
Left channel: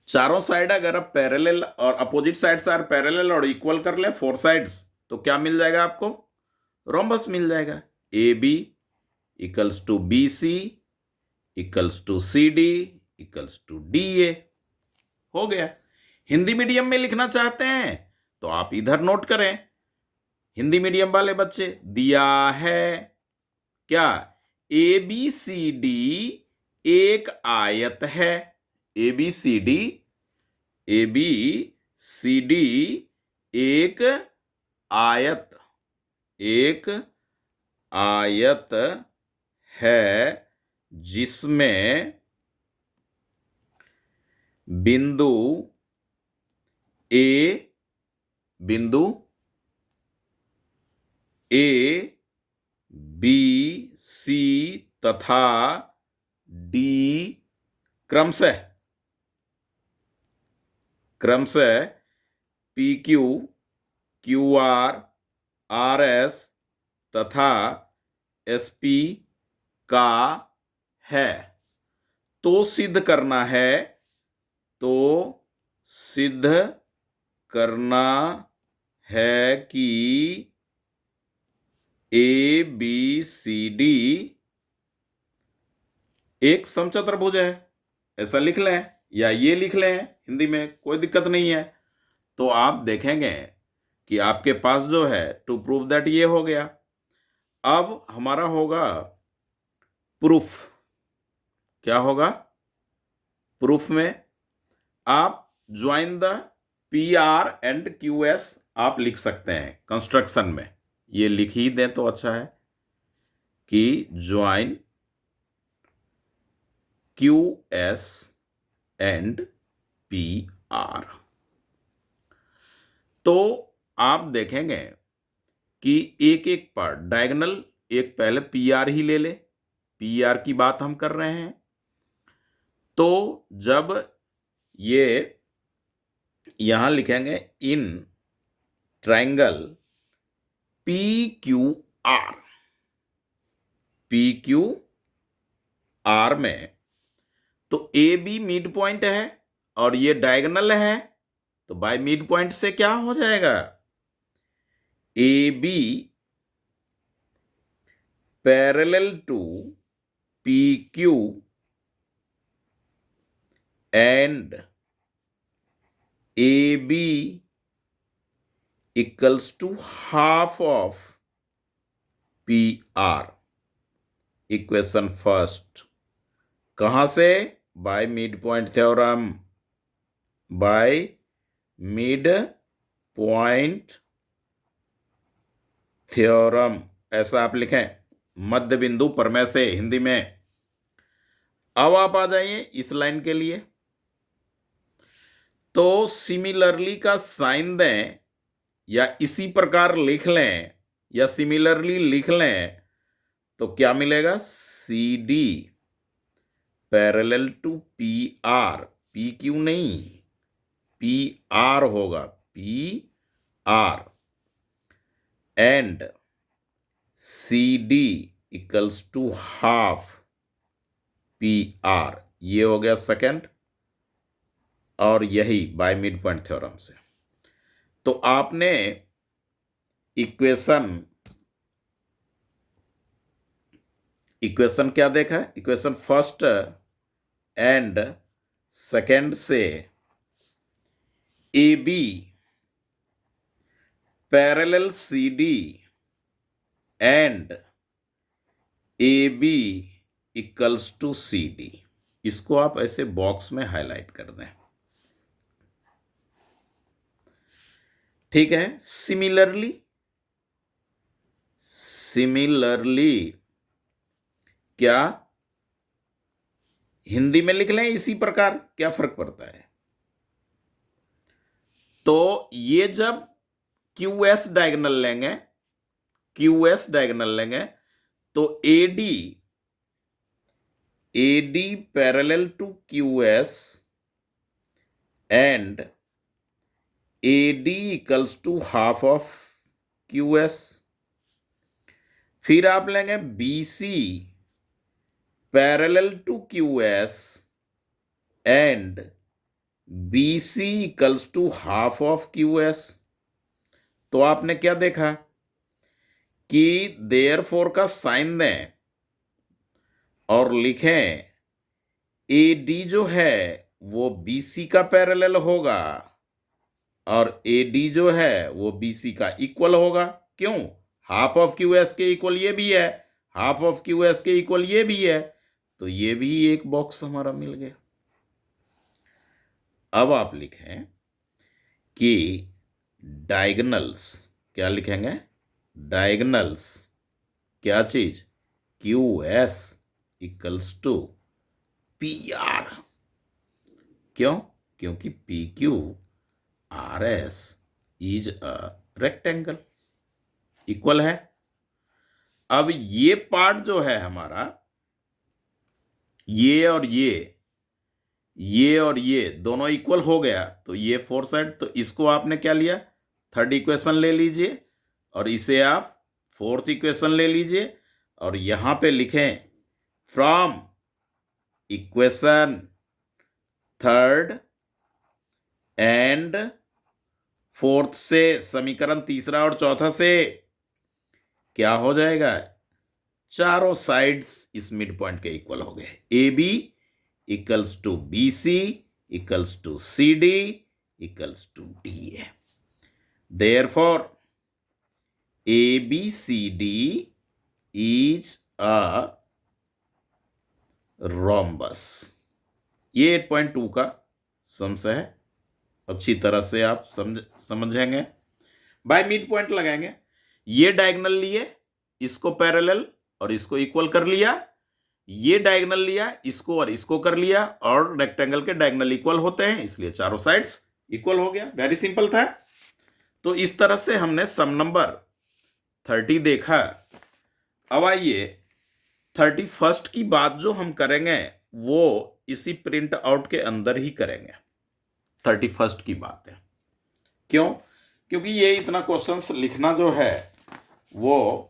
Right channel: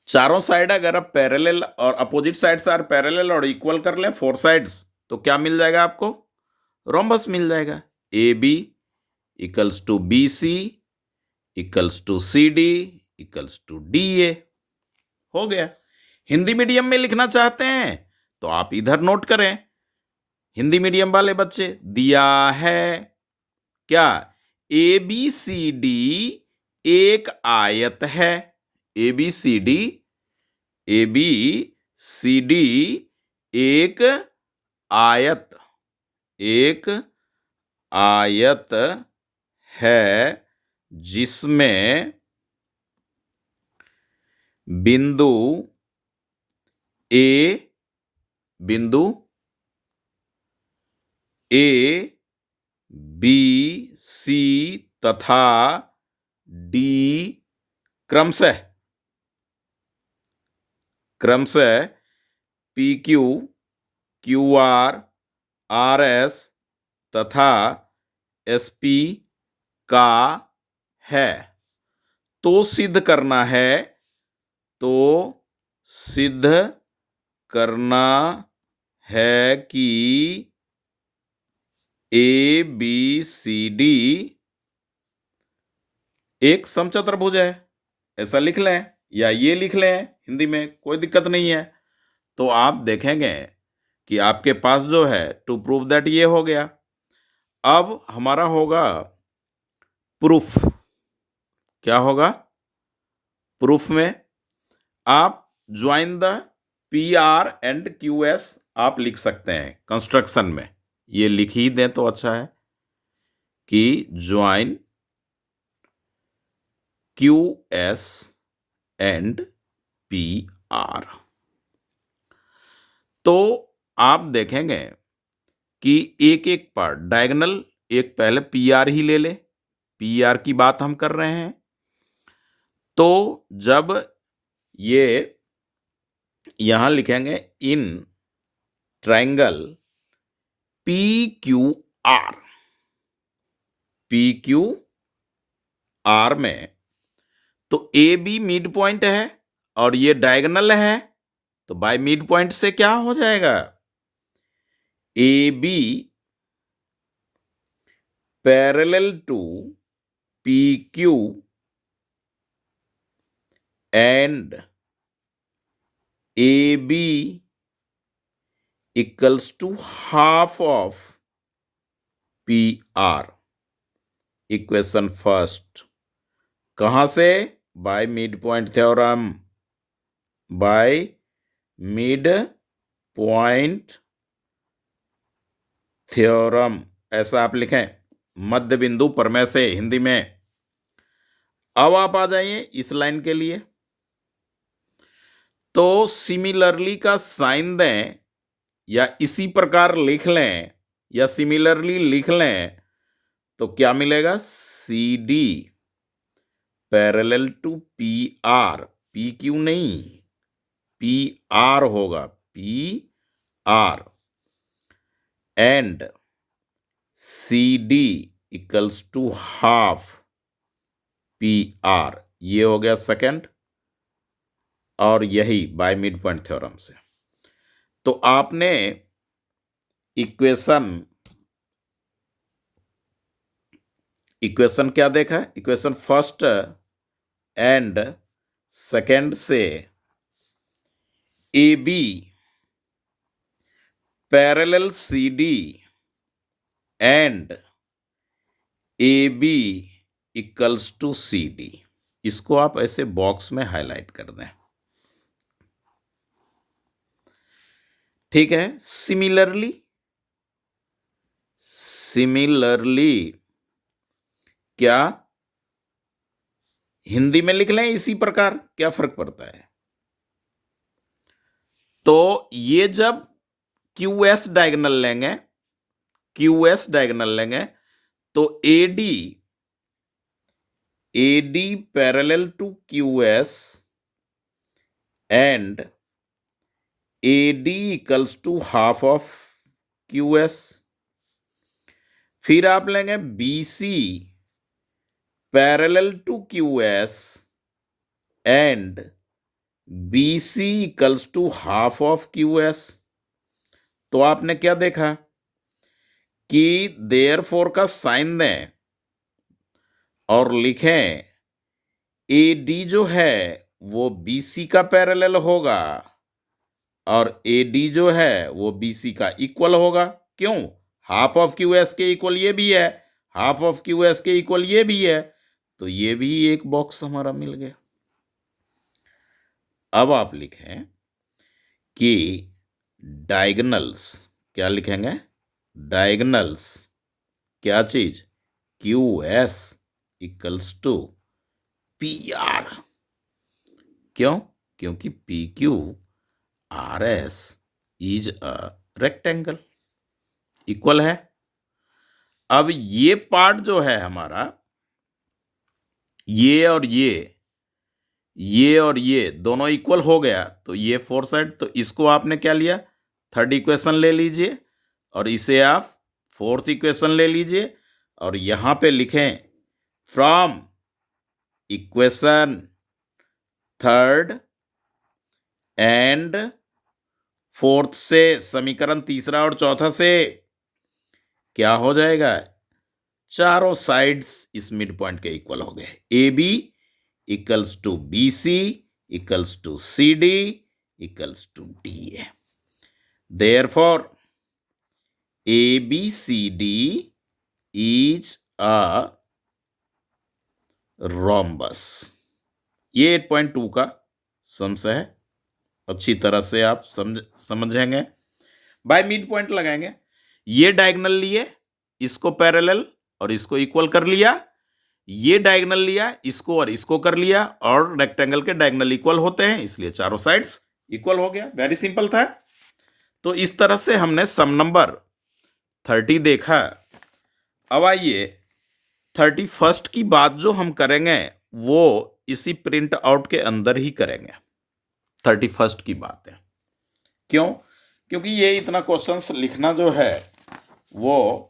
चारों साइड अगर आप पैरेलल और अपोजिट साइड से are parallel और equal कर लें फोर साइड्स, तो क्या मिल जाएगा आपको, रोम्बस मिल जाएगा। A B equals to B C equals to C D equals to D A, हो गया। हिंदी मीडियम में लिखना चाहते हैं तो आप इधर नोट करें, हिंदी मीडियम वाले बच्चे, दिया है क्या, ए बी सी डी एक आयत है, ए बी सी डी एक आयत है जिसमें बिंदु ए ए, बी, सी तथा डी क्रमशः P Q, Q R, R S तथा एस पी का है। तो सिद्ध करना है, तो सिद्ध करना है कि ए बी सी डी एक समचतुर्भुज है। ऐसा लिख लें या ये लिख लें, हिंदी में कोई दिक्कत नहीं है। तो आप देखेंगे कि आपके पास जो है टू प्रूव दैट ये हो गया। अब हमारा होगा प्रूफ। क्या होगा? प्रूफ में आप join the P R and Q S आप लिख सकते हैं कंस्ट्रक्शन में। ये लिख ही दें तो अच्छा है कि join Q S and P R. तो आप देखेंगे कि एक एक पर डायगोनल, एक पहले पी आर ही ले ले, पी आर की बात हम कर रहे हैं। तो जब ये यहां लिखेंगे in triangle P Q are, P Q are में तो ए बी मिड पॉइंट है और ये डायगोनल है, तो बाय मिड पॉइंट से क्या हो जाएगा? A B parallel to P Q and A B equals to half of P R. Equation first कहां से? By mid point theorem, by mid point theorem ऐसा आप लिखें, मध्य बिंदु प्रमेय से हिंदी में। अब आप आ जाइए इस लाइन के लिए। तो सिमिलरली का साइन दें या इसी प्रकार लिख लें या सिमिलरली लिख लें तो क्या मिलेगा? C D parallel to P R, P Q नहीं, पी आर होगा, P R and C D equals to half P R. ये हो गया सेकंड, और यही बाय मिड पॉइंट थ्योरम से। तो आपने इक्वेशन क्या देखा? इक्वेशन फर्स्ट एंड सेकंड से A B parallel C D and A B equals to C D, इसको आप ऐसे बॉक्स में हाईलाइट कर दें। ठीक है। सिमिलरली क्या हिंदी में लिख लें इसी प्रकार, क्या फर्क पड़ता है? तो ये जब क्यू एस डायगोनल लेंगे तो AD parallel to Q S and AD equals to half of Q S. फिर आप लेंगे BC parallel to Q S and BC equals to half of Q S. तो आपने क्या देखा कि देयरफॉर का साइन दें और लिखें AD जो है वो BC का पैरेलल होगा और AD जो है वो BC का इक्वल होगा। क्यों? हाफ ऑफ क्यू एस के इक्वल ये भी है, हाफ ऑफ क्यू एस के इक्वल ये भी है, तो ये भी एक बॉक्स हमारा मिल गया। अब आप लिखें कि डायगोनल्स, क्या लिखेंगे? डायगोनल्स क्या चीज? Q S equals to P R. क्यों? क्योंकि P Q R S is a rectangle, equal है। अब ये पार्ट जो है हमारा, ये और ये दोनों इक्वल हो गया, तो ये 4 साइड, तो इसको आपने क्या लिया, थर्ड इक्वेशन ले लीजिए और इसे आप फोर्थ इक्वेशन ले लीजिए और यहां पे लिखें from equation third and fourth से, समीकरण तीसरा और चौथा से क्या हो जाएगा, चारों साइड्स इस मिड पॉइंट के इक्वल हो गए। A B equals to B C equals to C D equals to D A. Therefore A B C D is a rhombus. ये 8.2 का सम्स है, अच्छी तरह से आप समझेंगे। बाय मिड पॉइंट लगाएंगे, ये डायगोनल लिए, इसको पैरेलल और इसको इक्वल कर लिया, ये डायगोनल लिया, इसको और इसको कर लिया, और रेक्टेंगल के डायगोनल इक्वल होते हैं इसलिए चारों साइड्स इक्वल हो गया। वेरी सिंपल था। तो इस तरह से हमने सम नंबर 30 देखा। अब आइए 31st की बात जो हम करेंगे वो इसी प्रिंट आउट के अंदर ही करेंगे। 31st की बात है, क्यों? क्योंकि ये इतना क्वेश्चंस लिखना जो है वो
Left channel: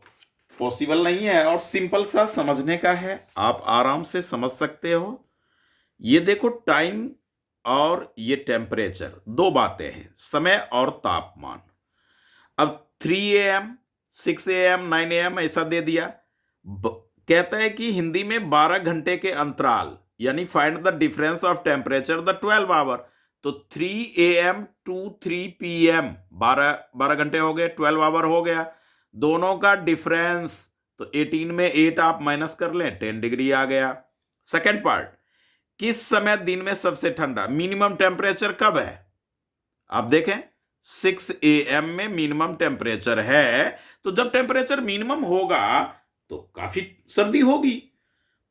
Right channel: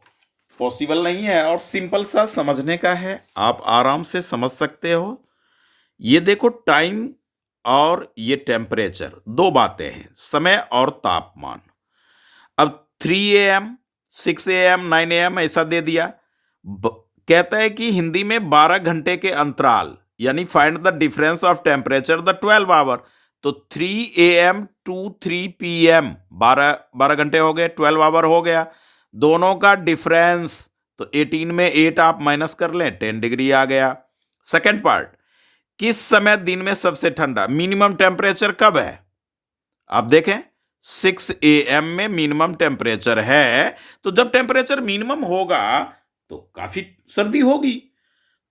पॉसिबल नहीं है और सिंपल सा समझने का है, आप आराम से समझ सकते हो। ये देखो, टाइम और ये टेम्परेचर, दो बातें हैं, समय और तापमान। अब 3 AM 6 AM 9 AM ऐसा दे दिया। कहता है कि हिंदी में 12 घंटे के अंतराल, यानी find the difference of temperature the 12 hour. तो 3 AM टू 3 PM 12 घंटे हो गए, 12 आवर हो गया। दोनों का डिफरेंस, तो 18 में 8 आप माइनस कर लें, 10 डिग्री आ गया। सेकेंड पार्ट, किस समय दिन में सबसे ठंडा, मिनिमम टेम्परेचर कब है? आप देखें 6 AM में मिनिमम टेम्परेचर है, तो जब टेम्परेचर मिनिमम होगा तो काफी सर्दी होगी।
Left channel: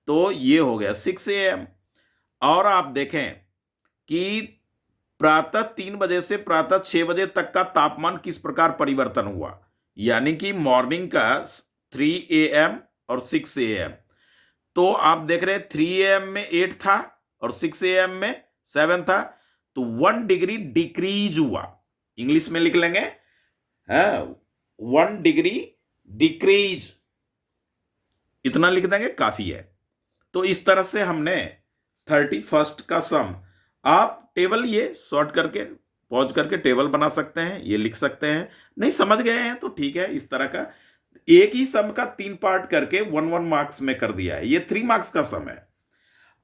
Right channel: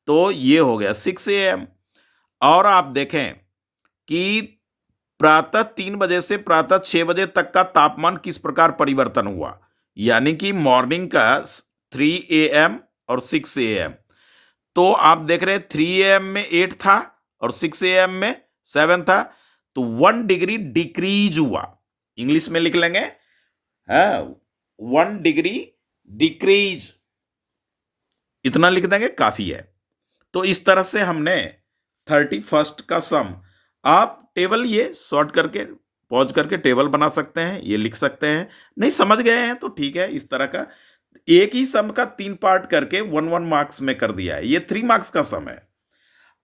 तो ये हो गया 6 AM। और आप देखें कि प्रातः 3 बजे से प्रातः 6 बजे तक का तापमान किस प्रकार परिवर्तन हुआ, यानी कि मॉर्निंग का 3 AM और 6 AM। तो आप देख रहे हैं 3 AM में 8 था और 6 AM में 7 था, तो 1 डिग्री डिक्रीज हुआ। इंग्लिश में लिख लेंगे, हाँ, 1 डिग्री डिक्रीज, इतना लिख देंगे, काफी है। तो इस तरह से हमने 31st का सम, आप टेबल ये शॉर्ट करके पॉज करके टेबल बना सकते हैं, ये लिख सकते हैं। नहीं समझ गए हैं तो ठीक है, इस तरह का एक ही सम का 3 पार्ट करके 1 मार्क्स में कर दिया है। ये 3 मार्क्स का सम है।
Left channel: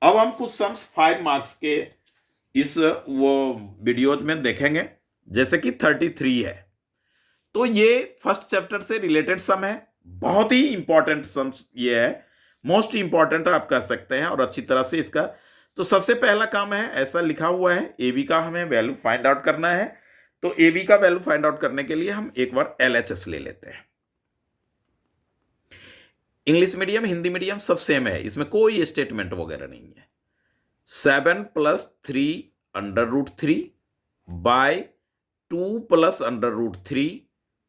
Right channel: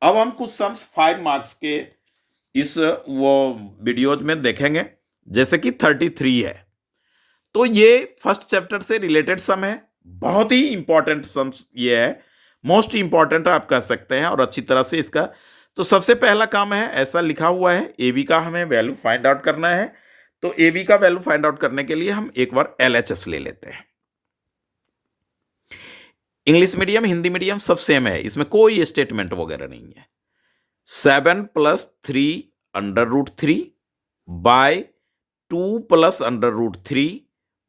अब हम कुछ सम्स 5 मार्क्स के इस वो वीडियोज में देखेंगे, जैसे कि 33 है। तो ये फर्स्ट चैप्टर से रिलेटेड सम है, बहुत ही इंपॉर्टेंट सम्स ये है, मोस्ट इंपॉर्टेंट आप कह सकते हैं, और अच्छी तरह से इसका। तो सबसे पहला काम है, ऐसा लिखा हुआ है, ए बी का हमें वैल्यू फाइंड आउट करना है। तो ए बी का वैल्यू फाइंड आउट करने के लिए हम एक बार LHS ले लेते हैं। इंग्लिश मीडियम हिंदी मीडियम सब सेम है, इसमें कोई स्टेटमेंट वगैरह नहीं है। 7 + 3 √3 बाय 2 + √3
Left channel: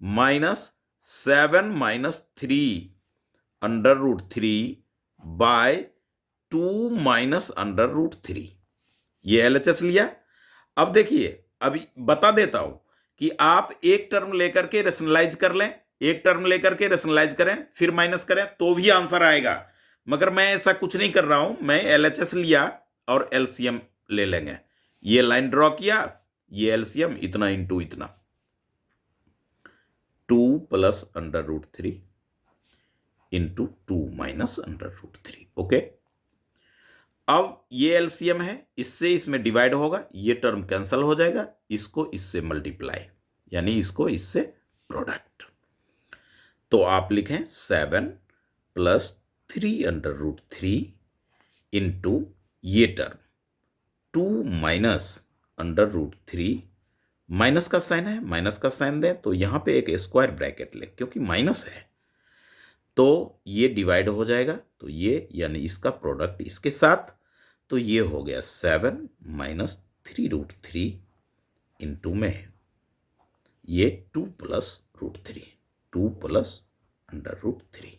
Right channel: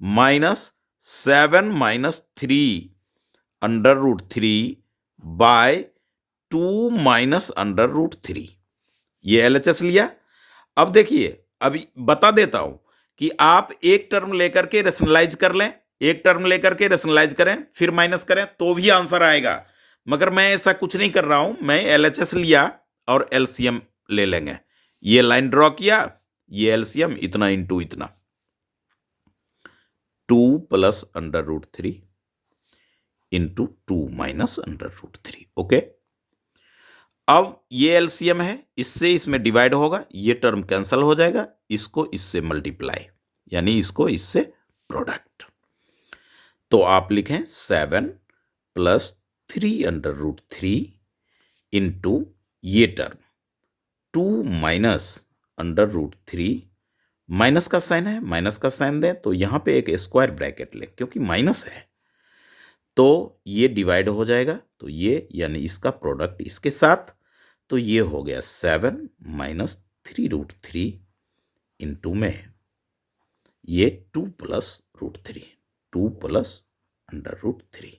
माइनस 7 - 3 √3 बाय 2 - √3। ये LHS लिया। अब देखिए, अभी बता देता हूं कि आप एक टर्म लेकर के रेशनलाइज कर लें, एक टर्म लेकर के रेशनलाइज करें, फिर माइनस करें तो भी आंसर आएगा। मगर मैं ऐसा कुछ नहीं कर रहा हूं, मैं LHS लिया और LCM ले लेंगे। ये लाइन ड्रॉ किया, ये LCM इतना इंटू इतना, 2 + √3 इंटू 2 - √3। ओके, अब ये LCM है, इससे इसमें डिवाइड होगा, ये टर्म कैंसल हो जाएगा, इसको इससे मल्टीप्लाई, यानी इसको इससे प्रोडक्ट। तो आप लिखें 7 + 3 √3 इंटू ये टर्म 2 - √3, माइनस का साइन है, माइनस का साइन दें तो यहां पे एक स्क्वायर ब्रैकेट लें क्योंकि माइनस है, तो ये डिवाइड हो जाएगा, तो ये यानी इसका प्रोडक्ट इसके साथ, तो ये हो गया 7 - 3√3 इंटू में ये 2 + √3, 2 + √3।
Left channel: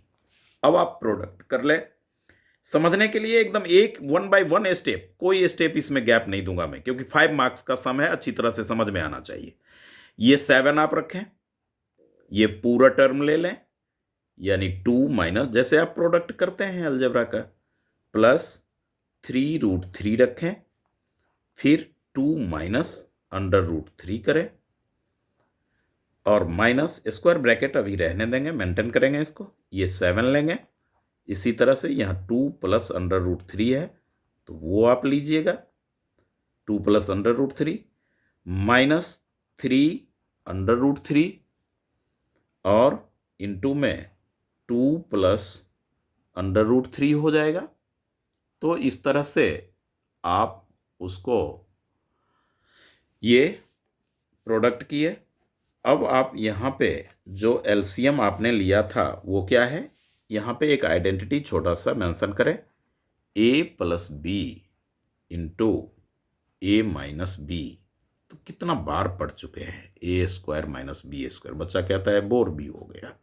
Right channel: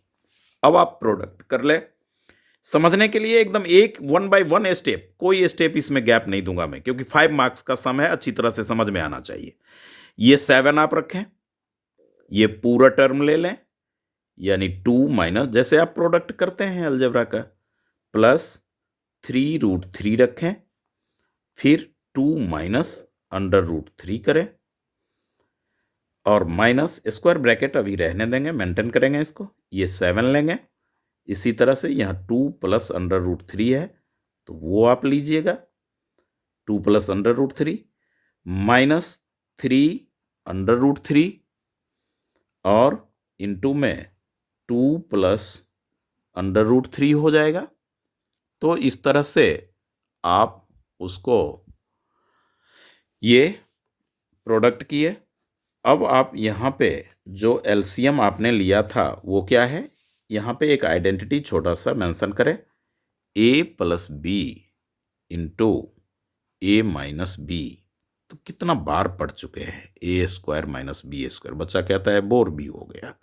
अब आप प्रोडक्ट कर लें। समझने के लिए एकदम एक 1 बाय 1 स्टेप, कोई स्टेप इसमें गैप नहीं दूंगा मैं, क्योंकि 5 मार्क्स का सम है, अच्छी तरह से समझ में आना चाहिए। ये 7 आप रखें, ये पूरा टर्म ले लें, यानी 2 माइनस, जैसे आप प्रोडक्ट करते हैं अलजेब्रा का, प्लस 3√3 रखें, फिर 2 माइनस √3 करें, और माइनस स्क्वायर ब्रैकेट अभी रहने देंगे, मेंटेन करेंगे इसको। ये 7 लेंगे, इसी तरह से यहाँ 2 प्लस √3 है, तो वो आप लीजिएगा, 2 प्लस √3 माइनस 3 √3 और इंटू में 2 प्लस √3 हो जाएगा। तो इस तरह से आप उसको ये प्रोडक्ट किए। अब आप यहाँ पे जो एलसीएम आपने लिया था वो क्या है, यहाँ पे एक आइडेंटिटी छोटा सा मेंशन करें, a plus B into A minus B. तो कितना बार पढ़ चुके हैं, A square minus B square, बच्चा कहता है बोर भी हो गया।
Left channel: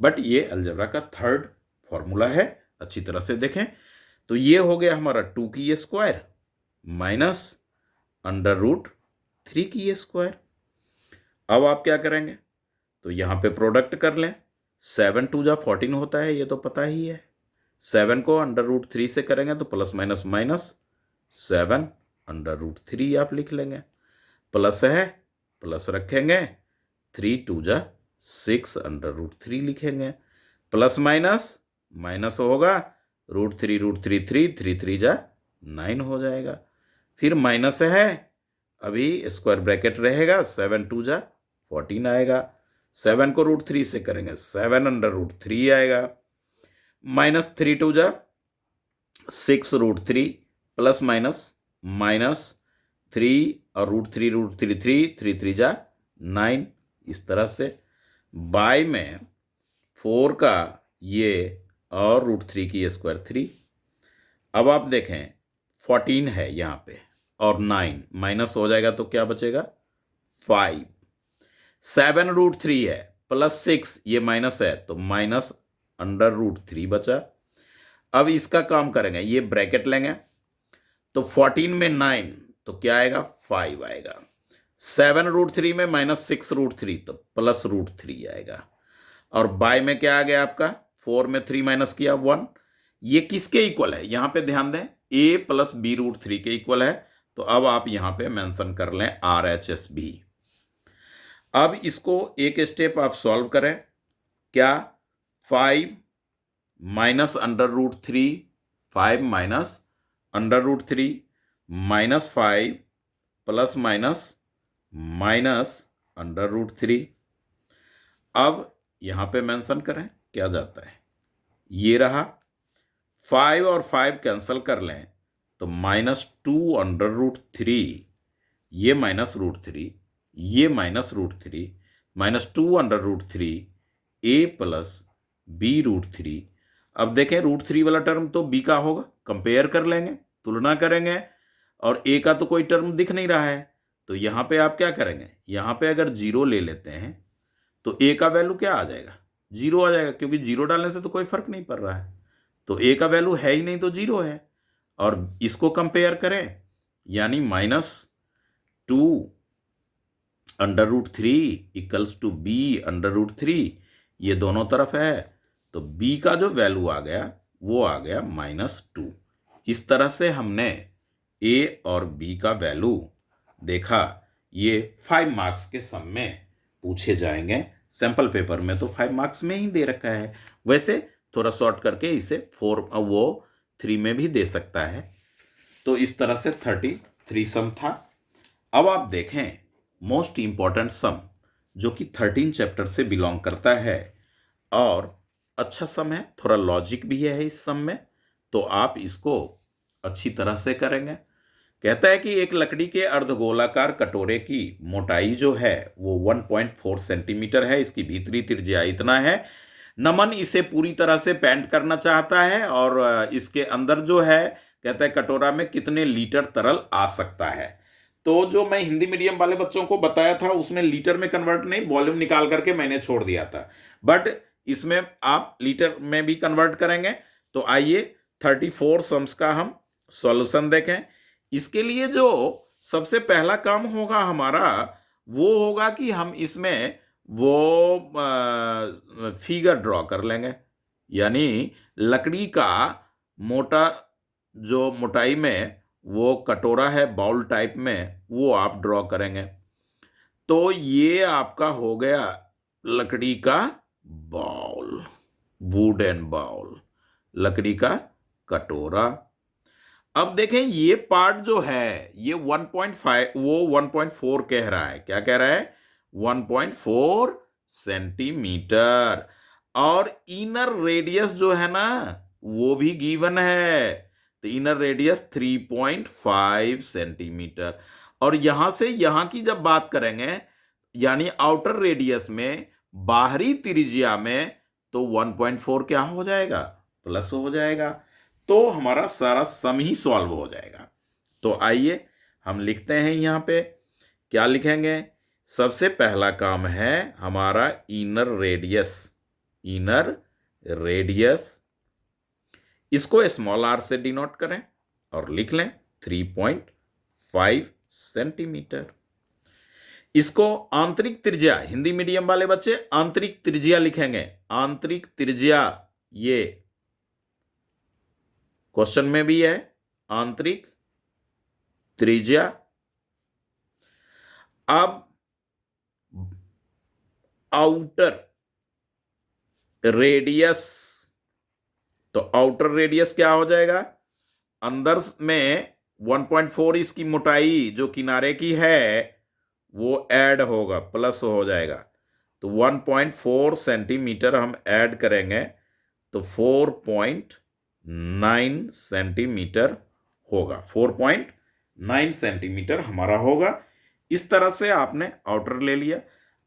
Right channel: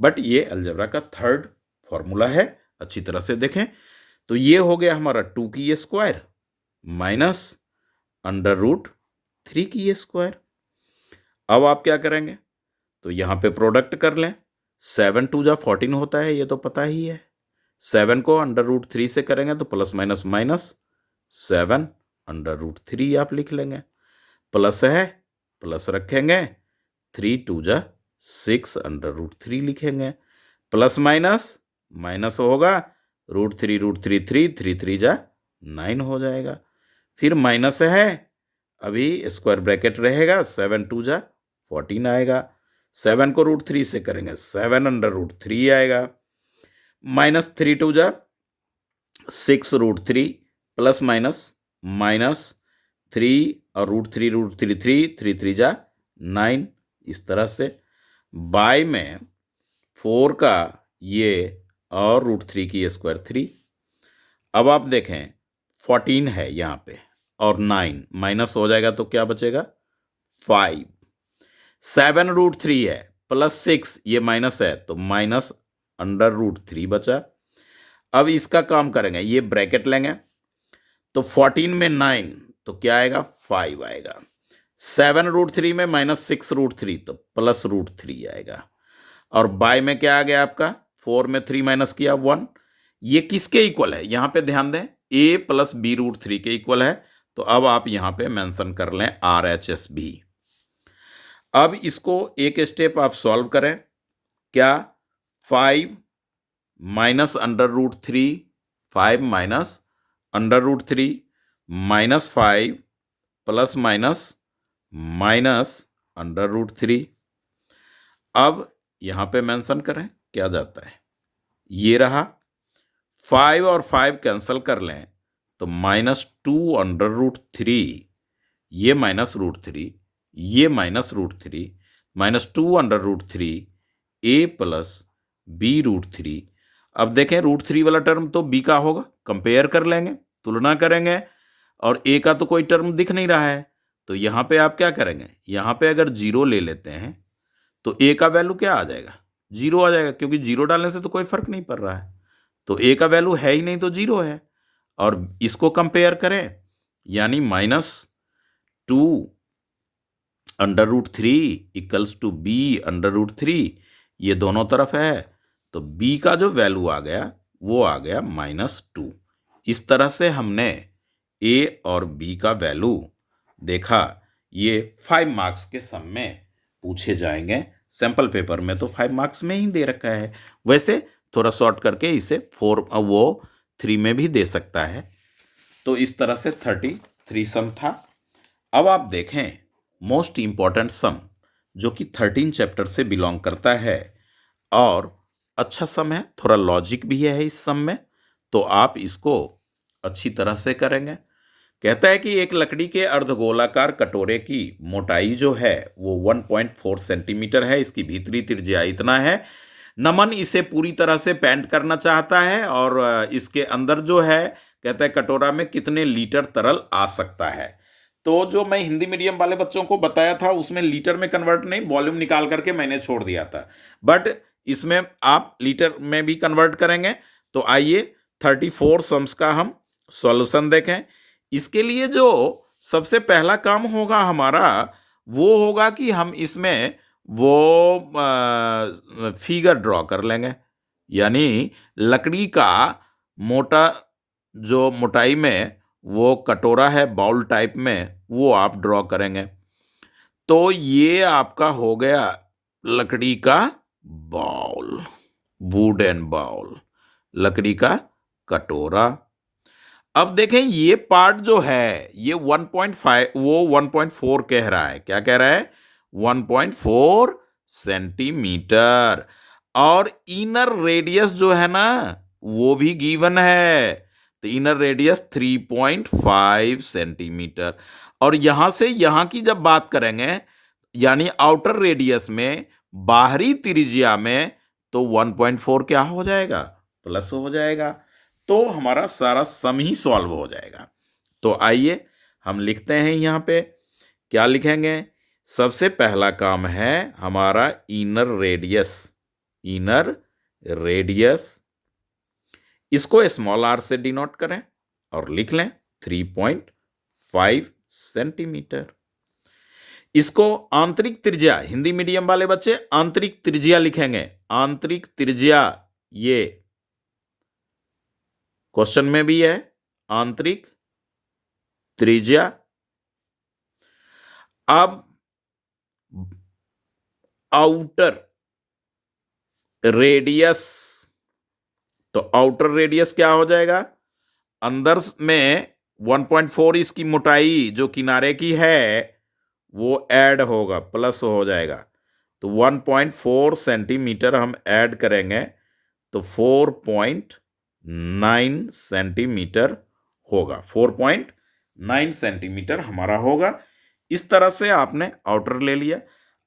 बट ये अलजेब्रा का थर्ड फॉर्मूला है, अच्छी तरह से देखें। तो ये हो गया हमारा 2 की स्क्वायर माइनस √3 की स्क्वायर। अब आप क्या करेंगे, तो यहां पे प्रोडक्ट कर लें। 7 2 जा 14 होता है, ये तो पता ही है। 7 को √3 से करेंगे तो प्लस माइनस माइनस 7 √3 आप लिख लेंगे। प्लस है, प्लस रखेंगे, 3 2 जा 6 √3 लिखेंगे। प्लस माइनस माइनस होगा, √3 3 3 जा 9 हो जाएगा। फिर माइनस है, अभी स्क्वायर ब्रैकेट रहेगा, 7 2 जा 14 आएगा। 7 को √3 से करेंगे, 7 √3 आएगा। माइनस 3 2 जा 6 √3 प्लस माइनस माइनस 3 और √3 3 3 जा 9। इस तरह से बाय में 4 का ये और √3 की स्क्वायर 3। अब आप देखें 14 है यहाँ पे और 9 माइनस हो जाएगा तो क्या बचेगा 5। 7 √3 है प्लस 6, ये माइनस है तो माइनस √3 बचा। अब इसका काम करेंगे, ये ब्रैकेट लेंगे तो 14 में 9 तो क्या आएगा 5 आएगा। 7 √3 में माइनस 6 √3 तो प्लस √3 आएगा। और बाय में क्या आ गया आपका, 4 में 3 माइनस किया 1। ये किसके इक्वल है, यहां पे ध्यान दें, a प्लस बी √3 के इक्वल है। तो अब आप यहां पे मेंशन कर लें RHS भी। अब इसको एक स्टेप आप सॉल्व करें, क्या 5 minus √3, 5 minus √3 minus 5 plus minus minus √3। अब यहां पे मेंशन करें क्या जाता है, ये रहा 5 और 5 कैंसिल कर लें तो -2 √3, ये -√3, ये -√3, -2 √3 a प्लस बी √3। अब देखें √3 वाला टर्म तो b का होगा, कंपेयर कर लेंगे, तुलना करेंगे, और a का तो कोई टर्म दिख नहीं रहा है। तो यहां पे आप क्या करेंगे, यहां पे अगर 0 ले लेते हैं तो a का वैल्यू क्या आ जाएगा, 0 आ जाएगा, क्योंकि 0 डालने से तो कोई फर्क नहीं पड़ रहा है। तो a का वैल्यू है ही नहीं तो 0 है। और इसको कंपेयर करें, यानी -2 √3 इक्वल्स टू b √3, ये दोनों तरफ है, तो b का जो वैल्यू आ गया वो आ गया -2। इस तरह से हमने a और b का वैल्यू देखा। ये 5 मार्क्स के सम में पूछे जाएंगे, सैंपल पेपर में तो 5 मार्क्स में ही दे रखा है। वैसे थोड़ा शॉर्ट करके इसे 3 में भी दे सकता है। तो इस तरह से 33 सम था। अब आप देखें मोस्ट इंपॉर्टेंट सम, जो कि 13 चैप्टर से बिलोंग करता है और अच्छा सम है, थोड़ा लॉजिक भी है इस सम में, तो आप इसको अच्छी तरह से करेंगे। कहता है कि एक लकड़ी के अर्धगोलाकार कटोरे की मोटाई जो है वो 1.4 सेंटीमीटर है, इसकी भीतरी त्रिज्या इतना है। नमन इसे पूरी तरह से पेंट करना चाहता है और इसके अंदर जो है, कहता है कटोरा में कितने लीटर तरल आ सकता है। तो जो मैं हिंदी मीडियम वाले बच्चों को बताया था उसमें लीटर में कन्वर्ट नहीं, वॉल्यूम निकाल करके मैंने छोड़ दिया था। बट इसमें आप लीटर में भी कन्वर्ट करेंगे। तो आइए 34 सम्स का हम सॉल्यूशन देखें। इसके लिए जो सबसे पहला काम होगा हमारा, वो होगा कि हम इसमें वो फिगर ड्रॉ कर लेंगे, यानी लकड़ी का मोटा जो मोटाई में वो कटोरा है बाउल टाइप में, वो आप ड्रॉ करेंगे। तो ये आपका हो गया लकड़ी का बाउल, वुडन बाउल, लकड़ी का कटोरा। अब देखें ये पार्ट जो है ये 1.5, वो 1.4 कह रहा है। क्या कह रहा है? 1.4 सेंटीमीटर। और इनर रेडियस जो है ना, वो भी गिवन है। तो इनर रेडियस 3.5 सेंटीमीटर। और यहां से यहां की जब बात करेंगे, यानी आउटर रेडियस में, बाहरी त्रिज्या में, तो 1.4 क्या हो जाएगा? प्लस हो जाएगा। तो हमारा सारा सम ही सॉल्व हो जाएगा। तो आइए हम लिखते हैं यहां पे। क्या लिखेंगे? सबसे पहला काम है हमारा इनर रेडियस। इनर रेडियस, इसको स्मॉल आर से डिनोट करें और लिख लें 3.5 सेंटीमीटर। इसको आंतरिक त्रिज्या, हिंदी मीडियम वाले बच्चे आंतरिक त्रिज्या लिखेंगे। आंतरिक त्रिज्या, ये क्वेश्चन में भी है, आंतरिक त्रिज्या। अब आउटर रेडियस, तो आउटर रेडियस क्या हो जाएगा? अंदर में 1.4 इसकी मोटाई जो किनारे की है वो ऐड होगा, प्लस हो जाएगा। तो 1.4 सेंटीमीटर हम ऐड करेंगे तो 4.9 सेंटीमीटर होगा। 4.9 सेंटीमीटर हमारा होगा। इस तरह से आपने आउटर ले लिया।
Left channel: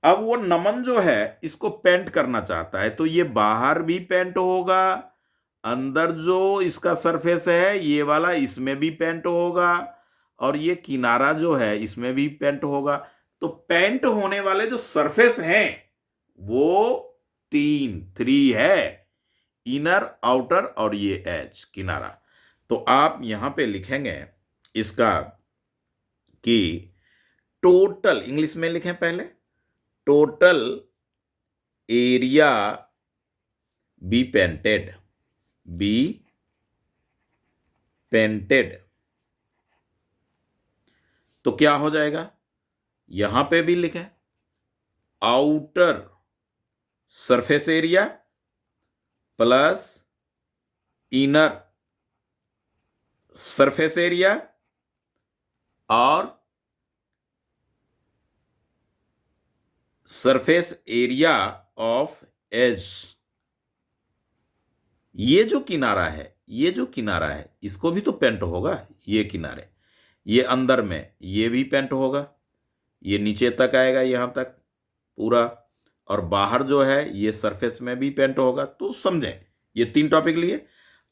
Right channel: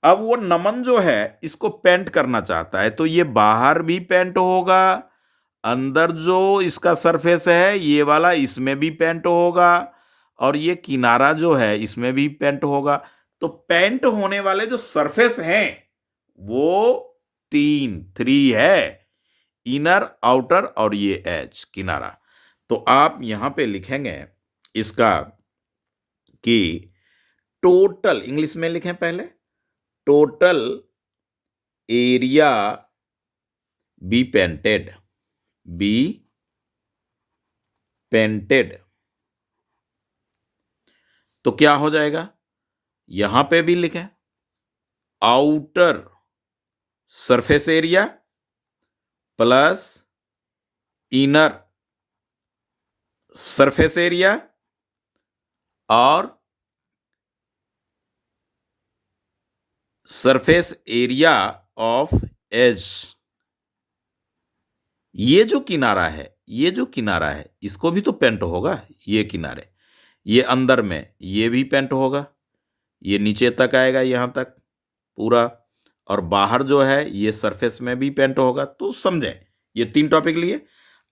अब वो नमन जो है इसको पेंट करना चाहता है, तो ये बाहर भी पेंट होगा, अंदर जो इसका सरफेस है ये वाला, इसमें भी पेंट होगा, और ये किनारा जो है इसमें भी पेंट होगा। तो पेंट होने वाले जो सरफेस हैं वो 3 है, इनर, आउटर और ये एज, किनारा। तो आप यहां पे लिखेंगे इसका कि टोटल, इंग्लिश में लिखें पहले, total area be painted, be painted. तो क्या हो जाएगा? यहां पे भी लिखें outer surface area plus inner surface area और सरफेस एरिया ऑफ एज। ये जो किनारा है, ये जो किनारा है इसको भी तो पेंट होगा। ये किनारे, ये अंदर में ये भी पेंट होगा, ये नीचे तक आएगा यहां तक पूरा, और बाहर जो है ये सरफेस में भी पेंट होगा। तो समझे, ये 3 टॉपिक लिए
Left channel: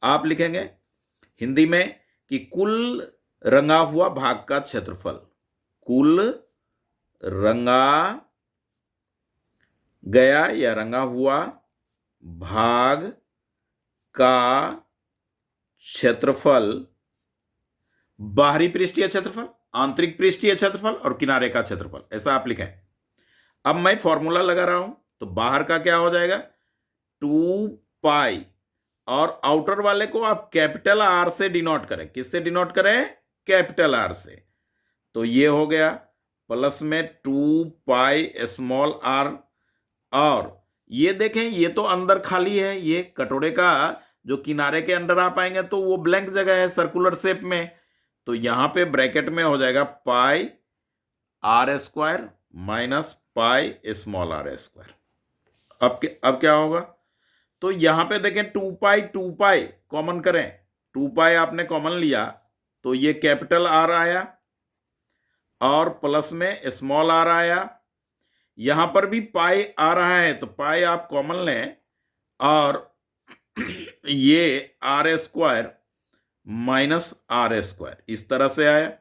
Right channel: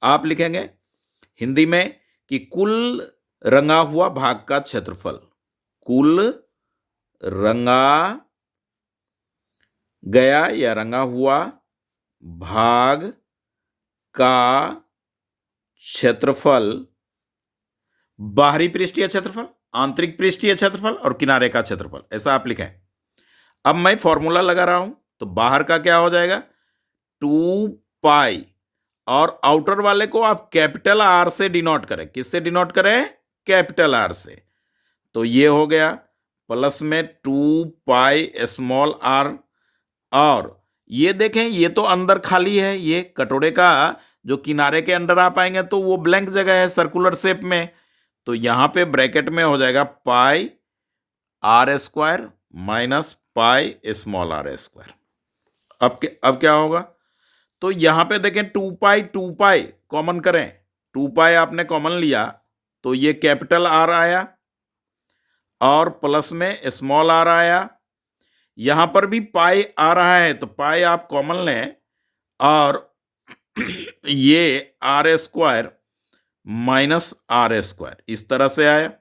आप लिखेंगे हिंदी में कि कुल रंगा हुआ भाग का क्षेत्रफल, कुल रंगा गया या रंगा हुआ भाग का क्षेत्रफल, बाहरी पृष्ठीय क्षेत्रफल, आंतरिक पृष्ठीय क्षेत्रफल और किनारे का क्षेत्रफल, ऐसा आप लिखें। अब मैं फॉर्मूला लगा रहा हूं, तो बाहर का क्या हो जाएगा? 2 पाई, और आउटर वाले को आप कैपिटल आर से डिनोट करें। किससे डिनोट करें? कैपिटल आर से। तो ये हो गया प्लस में 2 पाई स्मॉल आर। और ये देखें, ये तो अंदर खाली है, ये कटोरे का जो किनारे के अंदर आप आएंगे तो वो ब्लैंक जगह है सर्कुलर शेप में। तो यहां पे ब्रैकेट में हो जाएगा pi R square minus pi small R square. अब क्या होगा? तो यहां पे देखें 2 पाई कॉमन करें, 2 पाई आपने कॉमन लिया तो ये कैपिटल आर आया और प्लस में स्मॉल आर आया। यहां पर भी पाई आ रहा है तो पाई आप कॉमन लें और ये R square minus R square, इस तरह से आया।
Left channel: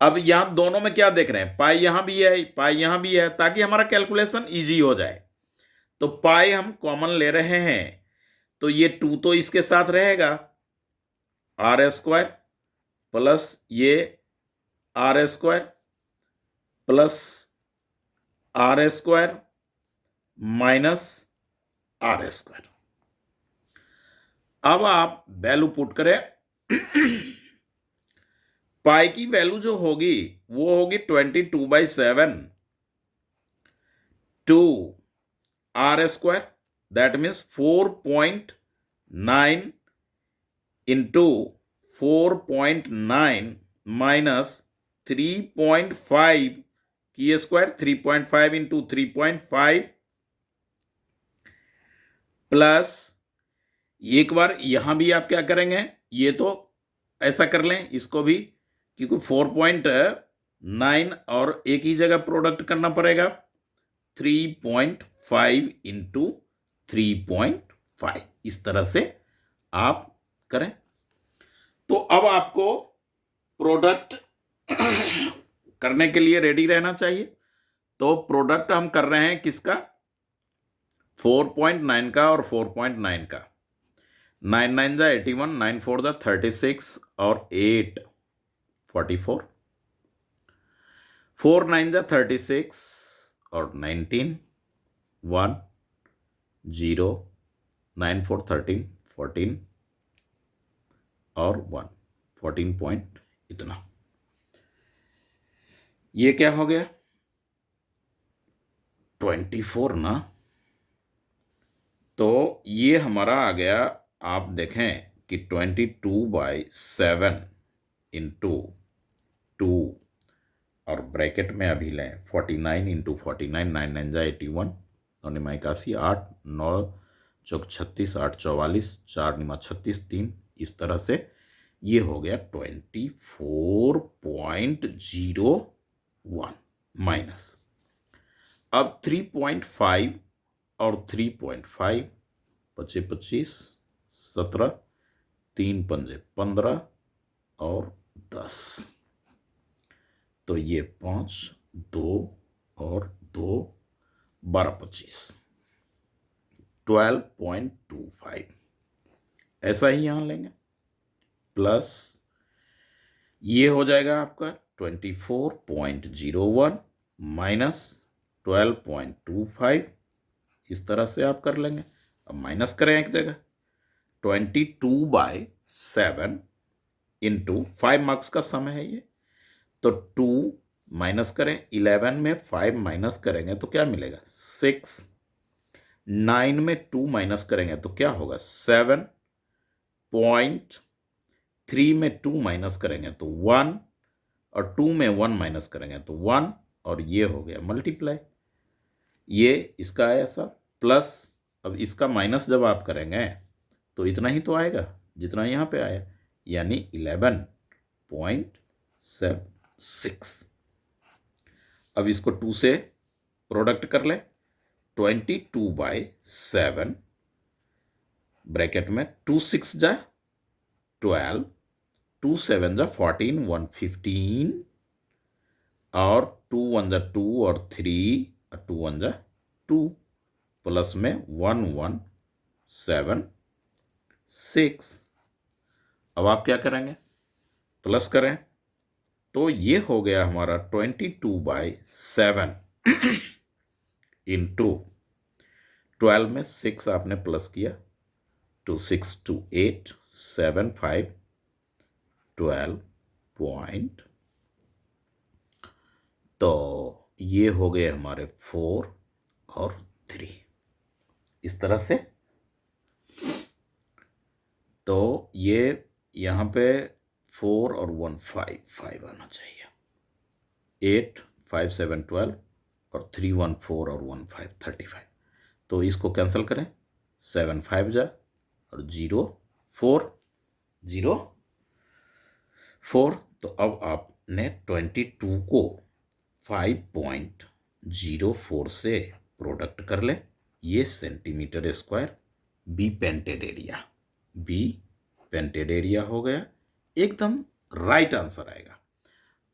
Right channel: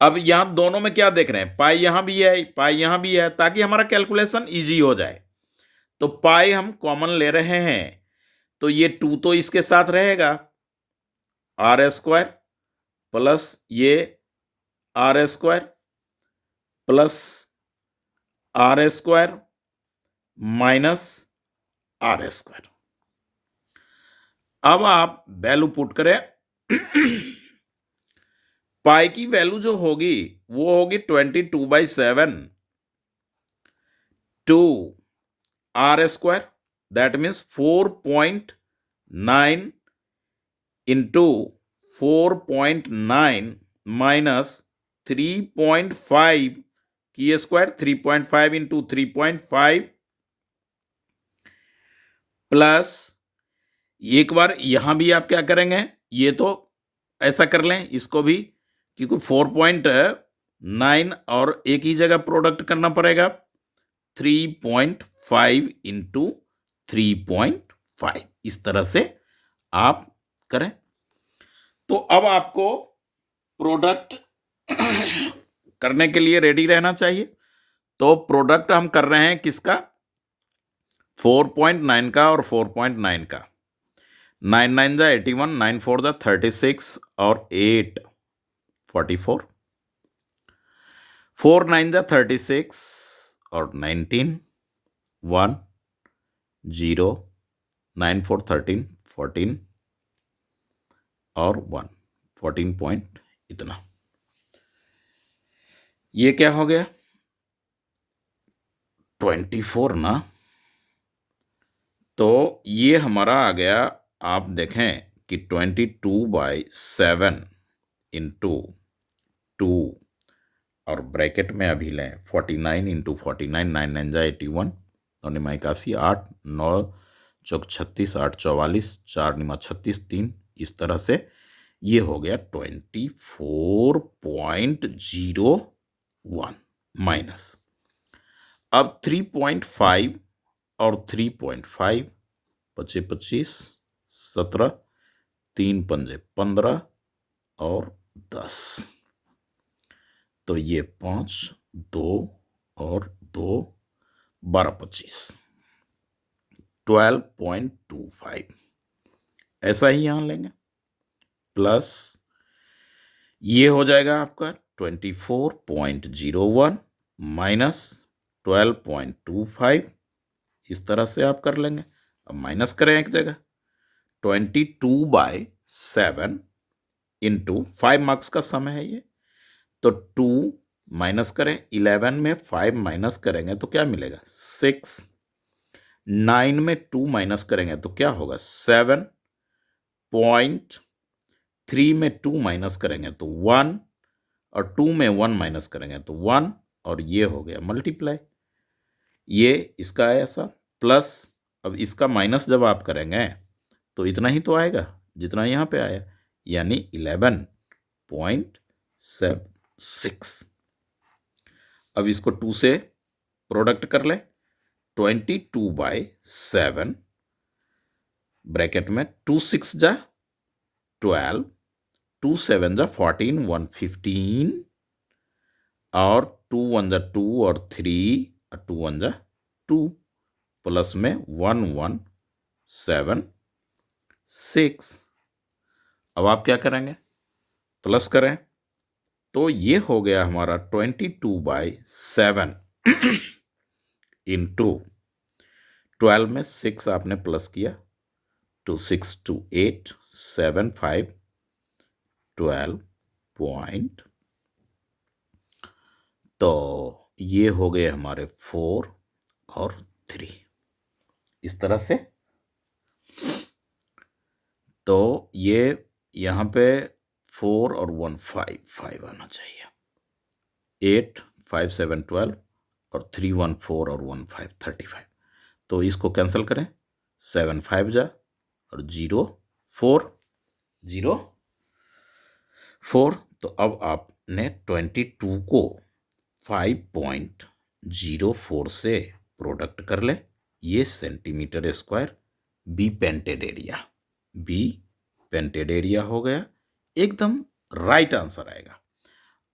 अब यहां दोनों में क्या देख रहे हैं? पाई यहां भी है, पाई यहां भी है, ताकि हमारा कैलकुलेशन इजी हो जाए। तो पाई हम कॉमन ले रहे हैं, तो ये 2 तो इसके साथ रहेगा, आर स्क्वायर प्लस ये R square plus R square minus R square. अब आप वैल्यू पुट करें। पाई की वैल्यू जो होगी वो होगी 22/7 two R square, that means 4.9 into 4.9 minus 3.5 की स्क्वायर, 3.5 इंटू 3.5 प्लस एक बार यहां भी आप क्या करेंगे, ये तो ऐसा कर लें इसको भी, क्योंकि 4.9 और एक ही जगह प्रोडक्ट करना पड़ेगा, 3.5 इंटू 3.5, इस तरह से आप करें। तो अब आपको प्रोडक्ट करने के लिए रेडी रहना चाहिए। तो प्रोडक्ट हम कर रहे हैं किसका, 4.9 का और 4.9 का। 9 9 जा 81, 9 4 जा 36 और 8 44, 4 9 जा 36 और 19 1 0, 9 4 13 14 और 1 14 पॉइंट इतना। ये क्या हो गया 24 ना, तो ये हमारा आ गया, आप देखें कि 22/7 इंटू 2 और ब्रैकेट में अभी लें 49 इंटू 49, 9 9 जा 81 और निमा 81, 8 9 चौक 36, 8 44, 4 निमा 36, 3, इस तरह से ये हो गया 24.01 माइनस। अब 3.5 और 3.5, 25 25 17, 3 पंजे 15 और 10, तो ये 5 2 और 2 12 25, 12.25 ऐसा ही यहां लेंगे, प्लस ये हो जाएगा आपका 24.01 माइनस 12.25, इस तरह से आप कर लेंगे। अब माइनस करें एक जगह, 22/7 इंटू 5 मार्क्स का समय है ये, तो 2 माइनस करें, 11 में 5 माइनस करेंगे तो क्या मिलेगा 6, 9 में 2 माइनस करेंगे तो क्या होगा 7, 3 में 2 माइनस करेंगे तो 1, और 2 में 1 माइनस करेंगे तो 1, और ये हो गया मल्टीप्लाई, ये इसका है ऐसा, प्लस अब इसका माइनस जब आप करेंगे तो इतना ही तो आएगा जितना यहां पे आया, यानी 11.76। अब इसको 2 से प्रोडक्ट कर ले, 22/7 ब्रैकेट में 2 6 जा 12, 2 7 जा 14, 1 15 और 2 1 जा 2 और 3 और 2 1 जा 2, प्लस में 1 1 7 6। अब आप क्या करेंगे, प्लस करें, तो ये हो गया हमारा 22/7 इंटू 12 में 6 आपने प्लस किया, 2 6 2 8 7 5 12 पॉइंट, तो ये हो गए हमारे 4 और 3, इस तरह से। तो ये यहाँ पे 4 और 1 5 5 आना चाहिए, 8 5 7 12 और 3 1 4 और 1 5 35, तो इसको कैंसिल करें, 7 5 जा और 0 4 0 4, तो अब आपने 22 को 5.04 से प्रोडक्ट कर ले, ये centimetre square be painted area, be painted area हो गया, एकदम राइट आंसर आएगा।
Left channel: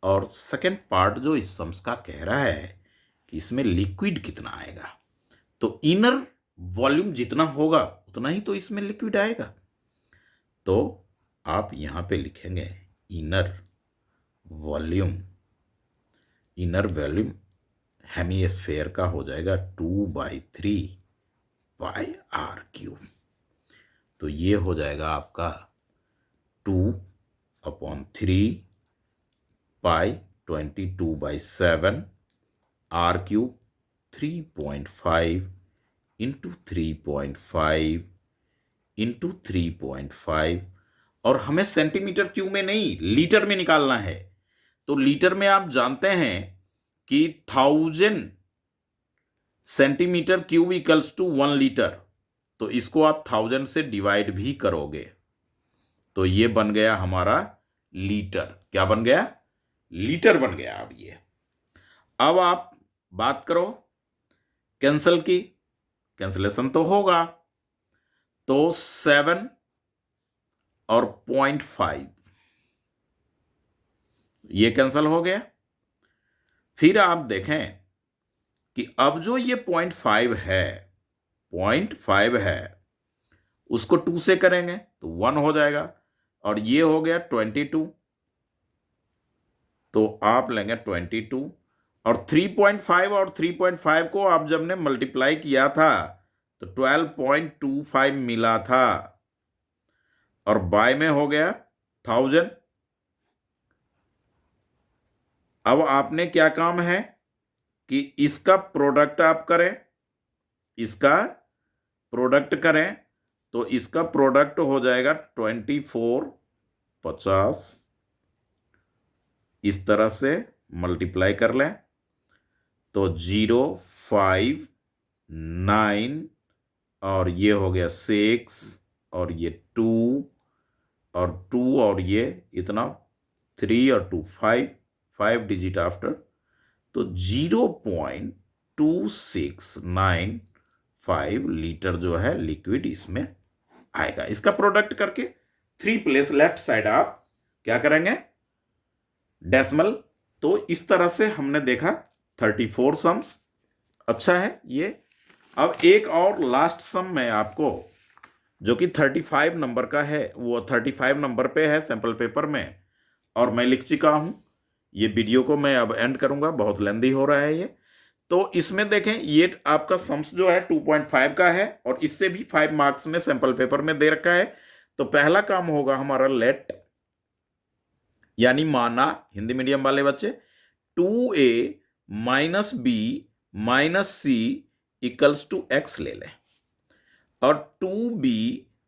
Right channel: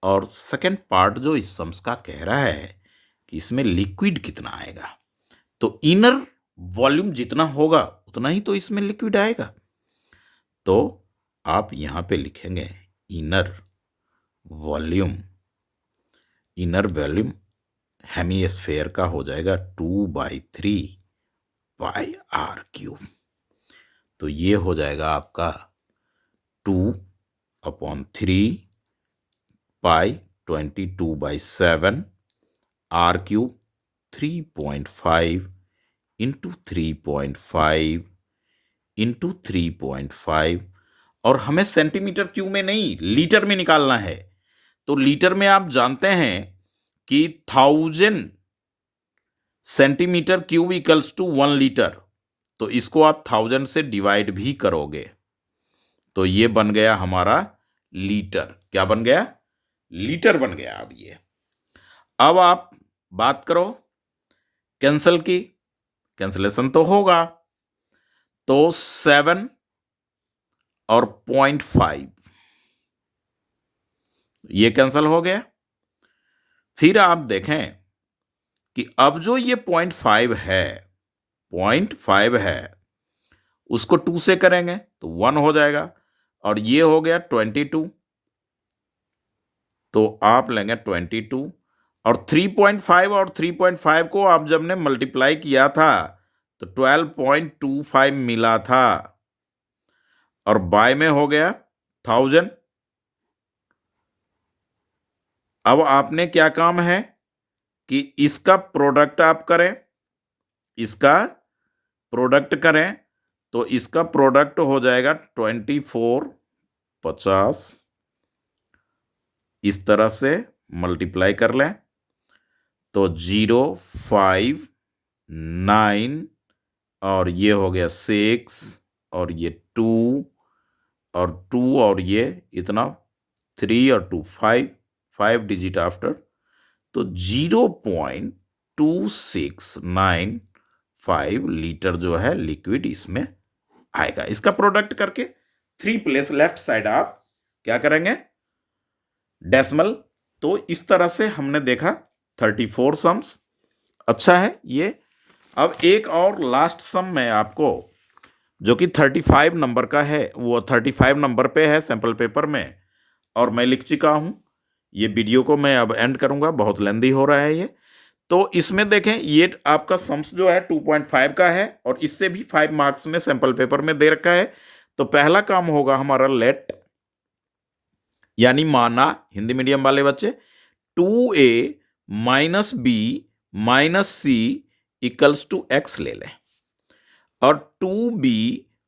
और सेकंड पार्ट जो इस सम्स का कह रहा है कि इसमें लिक्विड कितना आएगा, तो इनर वॉल्यूम जितना होगा उतना ही तो इसमें लिक्विड आएगा। तो आप यहां पे लिखेंगे inner volume. Inner volume hemisphere का हो जाएगा 2/3 πr³। तो ये हो जाएगा आपका 2/3 π22/7 r³ 3.5 इंटू 3.5 इंटू 3.5, और हमें सेंटीमीटर क्यूब में नहीं लीटर में निकालना है। तो लीटर में आप जानते हैं कि 1000 centimetre cube equals to 1 litre. तो इसको आप 1000 से डिवाइड भी करोगे तो ये बन गया हमारा लीटर। क्या बन गया? लीटर बन गया। अब ये, अब आप बात करो कैंसल की, कैंसलेशन तो होगा। तो 7 और 0.5 ये कैंसल हो गया। फिर आप देखें कि अब जो ये 0.5 है, 0.5 है, उसको 2 से करेंगे तो 1 हो जाएगा, और ये हो गया 22। तो आप लेंगे 22, और 3.5 और 3.5 को आप जब ने मल्टीप्लाई किया था तो 12.25 मिला था, और बाय में हो गया 1000। अब आपने क्या काम है कि इसका प्रोडक्ट आप करें, इसका प्रोडक्ट करें, तो इसका प्रोडक्ट हो जाएगा 2450। इस तरह से मल्टीप्लाई कर लें तो 059, और ये हो गया 6, और ये 2 और 2, और ये इतना 3 और 2 5 डिजिट आफ्टर। तो 0.2695 लीटर जो है लिक्विड इसमें आएगा। इसका प्रोडक्ट करके 3 प्लेस लेफ्ट साइड आप क्या करेंगे? डेसिमल। तो इस तरह से हमने देखा 34 सम्स। अच्छा है ये। अब एक और लास्ट सम मैं आपको, जो कि 35 नंबर का है, वो 35 नंबर पे है सैंपल पेपर में, और मैं लिख चुका हूं। ये वीडियो को मैं अब एंड करूंगा, बहुत लेंदी हो रहा है ये। तो इसमें देखें, ये आपका सम्स जो है 2.5 का है, और इससे भी 5 मार्क्स में सैंपल पेपर में दे रखा है। तो पहला काम होगा हमारा लेट, यानी माना, हिंदी मीडियम वाले बच्चे, 2a minus B minus C equals to X ले लें, और 2b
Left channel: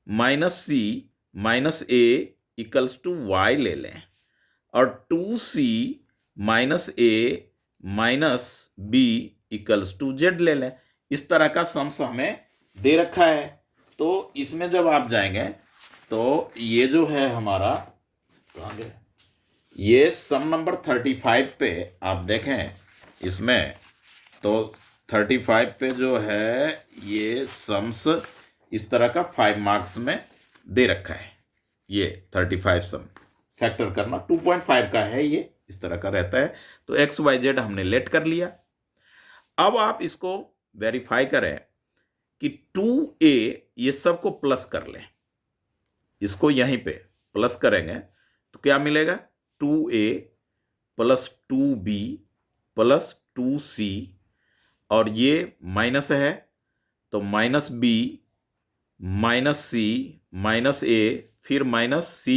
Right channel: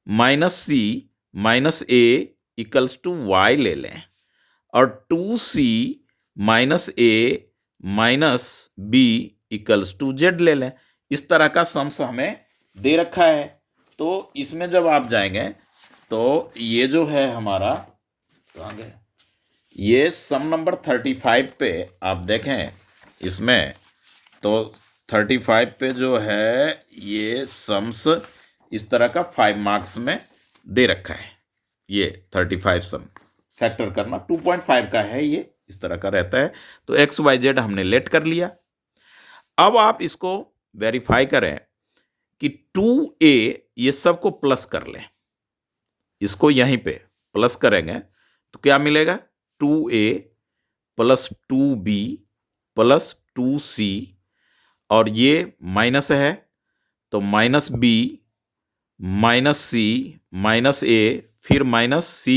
minus C minus A equals to Y ले लें, और 2c minus A minus B equals to Z ले लें। इस तरह का सम्स हमें दे रखा है। तो इसमें जब आप जाएंगे तो ये जो है हमारा, कहाँ गया? ये सम नंबर 35 पे आप देखें, इसमें तो 35 पे जो है ये सम्स इस तरह का 5 मार्क्स में दे रखा है। ये 35 सम फैक्टर करना 2.5 का है, ये इस तरह का रहता है। तो एक्स वाई जेड हमने लेट कर लिया। अब आप इसको वेरीफाई करें कि 2a, ये सबको प्लस कर लें, इसको यहीं पे प्लस करेंगे तो क्या मिलेगा? 2a plus 2b plus 2c, और ये माइनस है तो minus b minus c minus a, फिर minus c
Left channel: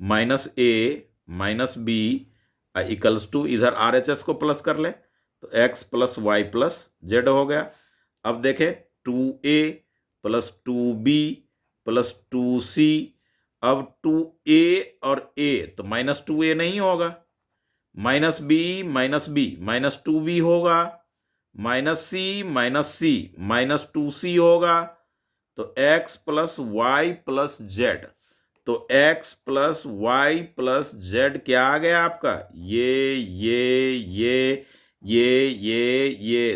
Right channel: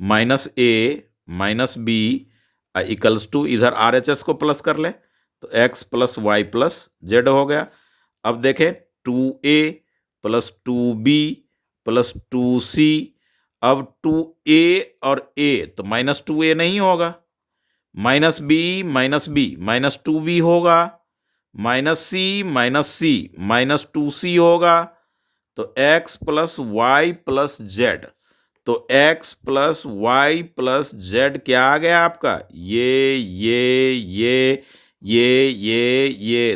minus a minus b equals to, इधर RHS को प्लस कर लें तो x plus Y plus Z हो गया। अब देखें 2a plus 2b plus 2c, अब 2a और a तो माइनस 2a नहीं होगा, minus b minus b minus 2b होगा, माइनस c माइनस 2c होगा। तो x plus Y plus Z, तो x plus Y plus Z क्या आ गया आपका? ये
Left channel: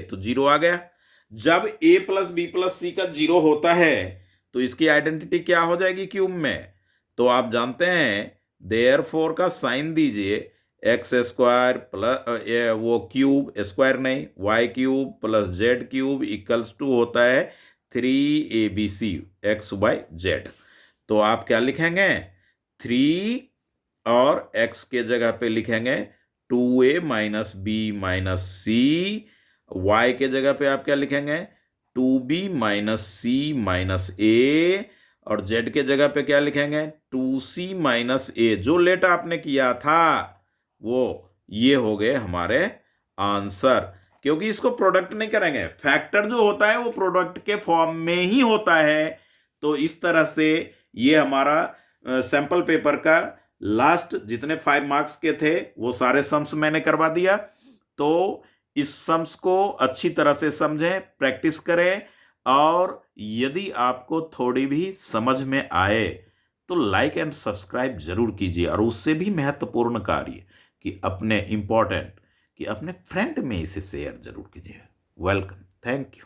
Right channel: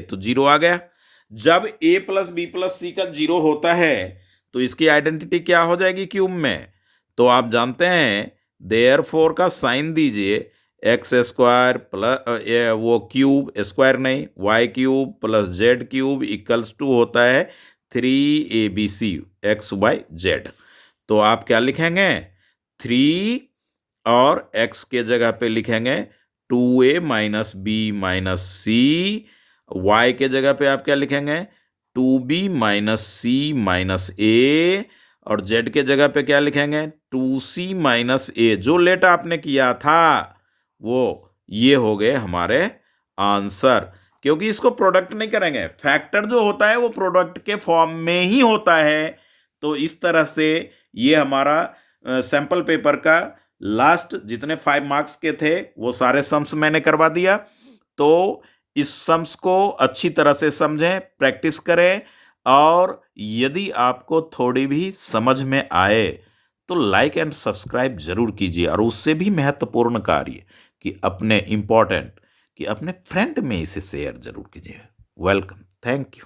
तो 0 आ गया। जब a प्लस बी प्लस सी का 0 होता है तो इसकी आइडेंटिटी क्या हो जाएगी क्यूब में? तो आप जानते हैं देयरफॉर का साइन दीजिए, एक्स स्क्वायर प्लस वो क्यूब स्क्वायर नहीं, Y cube plus Z cube equals to होता है 3ABC एक्स वाई जेड। तो आप क्या लिखेंगे, 3 और x के जगह पे लिखेंगे 2a माइनस बी माइनस सी। वाई के जगह पे आप क्या लिखेंगे, 2b माइनस सी माइनस ए। और z के जगह पे क्या लिखेंगे, 2c माइनस ए। जो लेट आपने किया था वो ये हो गए हमारे आंसर, क्योंकि इसको प्रोडक्ट नहीं करेंगे। फैक्टर जो होता है वो प्रोडक्ट के फॉर्म में ही होता है। तो इस तरह से ये हमारा सैंपल पेपर का लास्ट जितने 5 मार्क्स के थे वो सारे सम्स मैंने करवा दिया। तो इस सम्स को अच्छी तरह से समझें, प्रैक्टिस करें, और यदि आपको थोड़ी भी समझ में आए तो लाइक एंड सब्सक्राइब जरूर कीजिए। और उससे भी महत्वपूर्ण कार्य कि अपने फ्रेंड में इसे शेयर जरूर कीजिए। Welcome, thank you.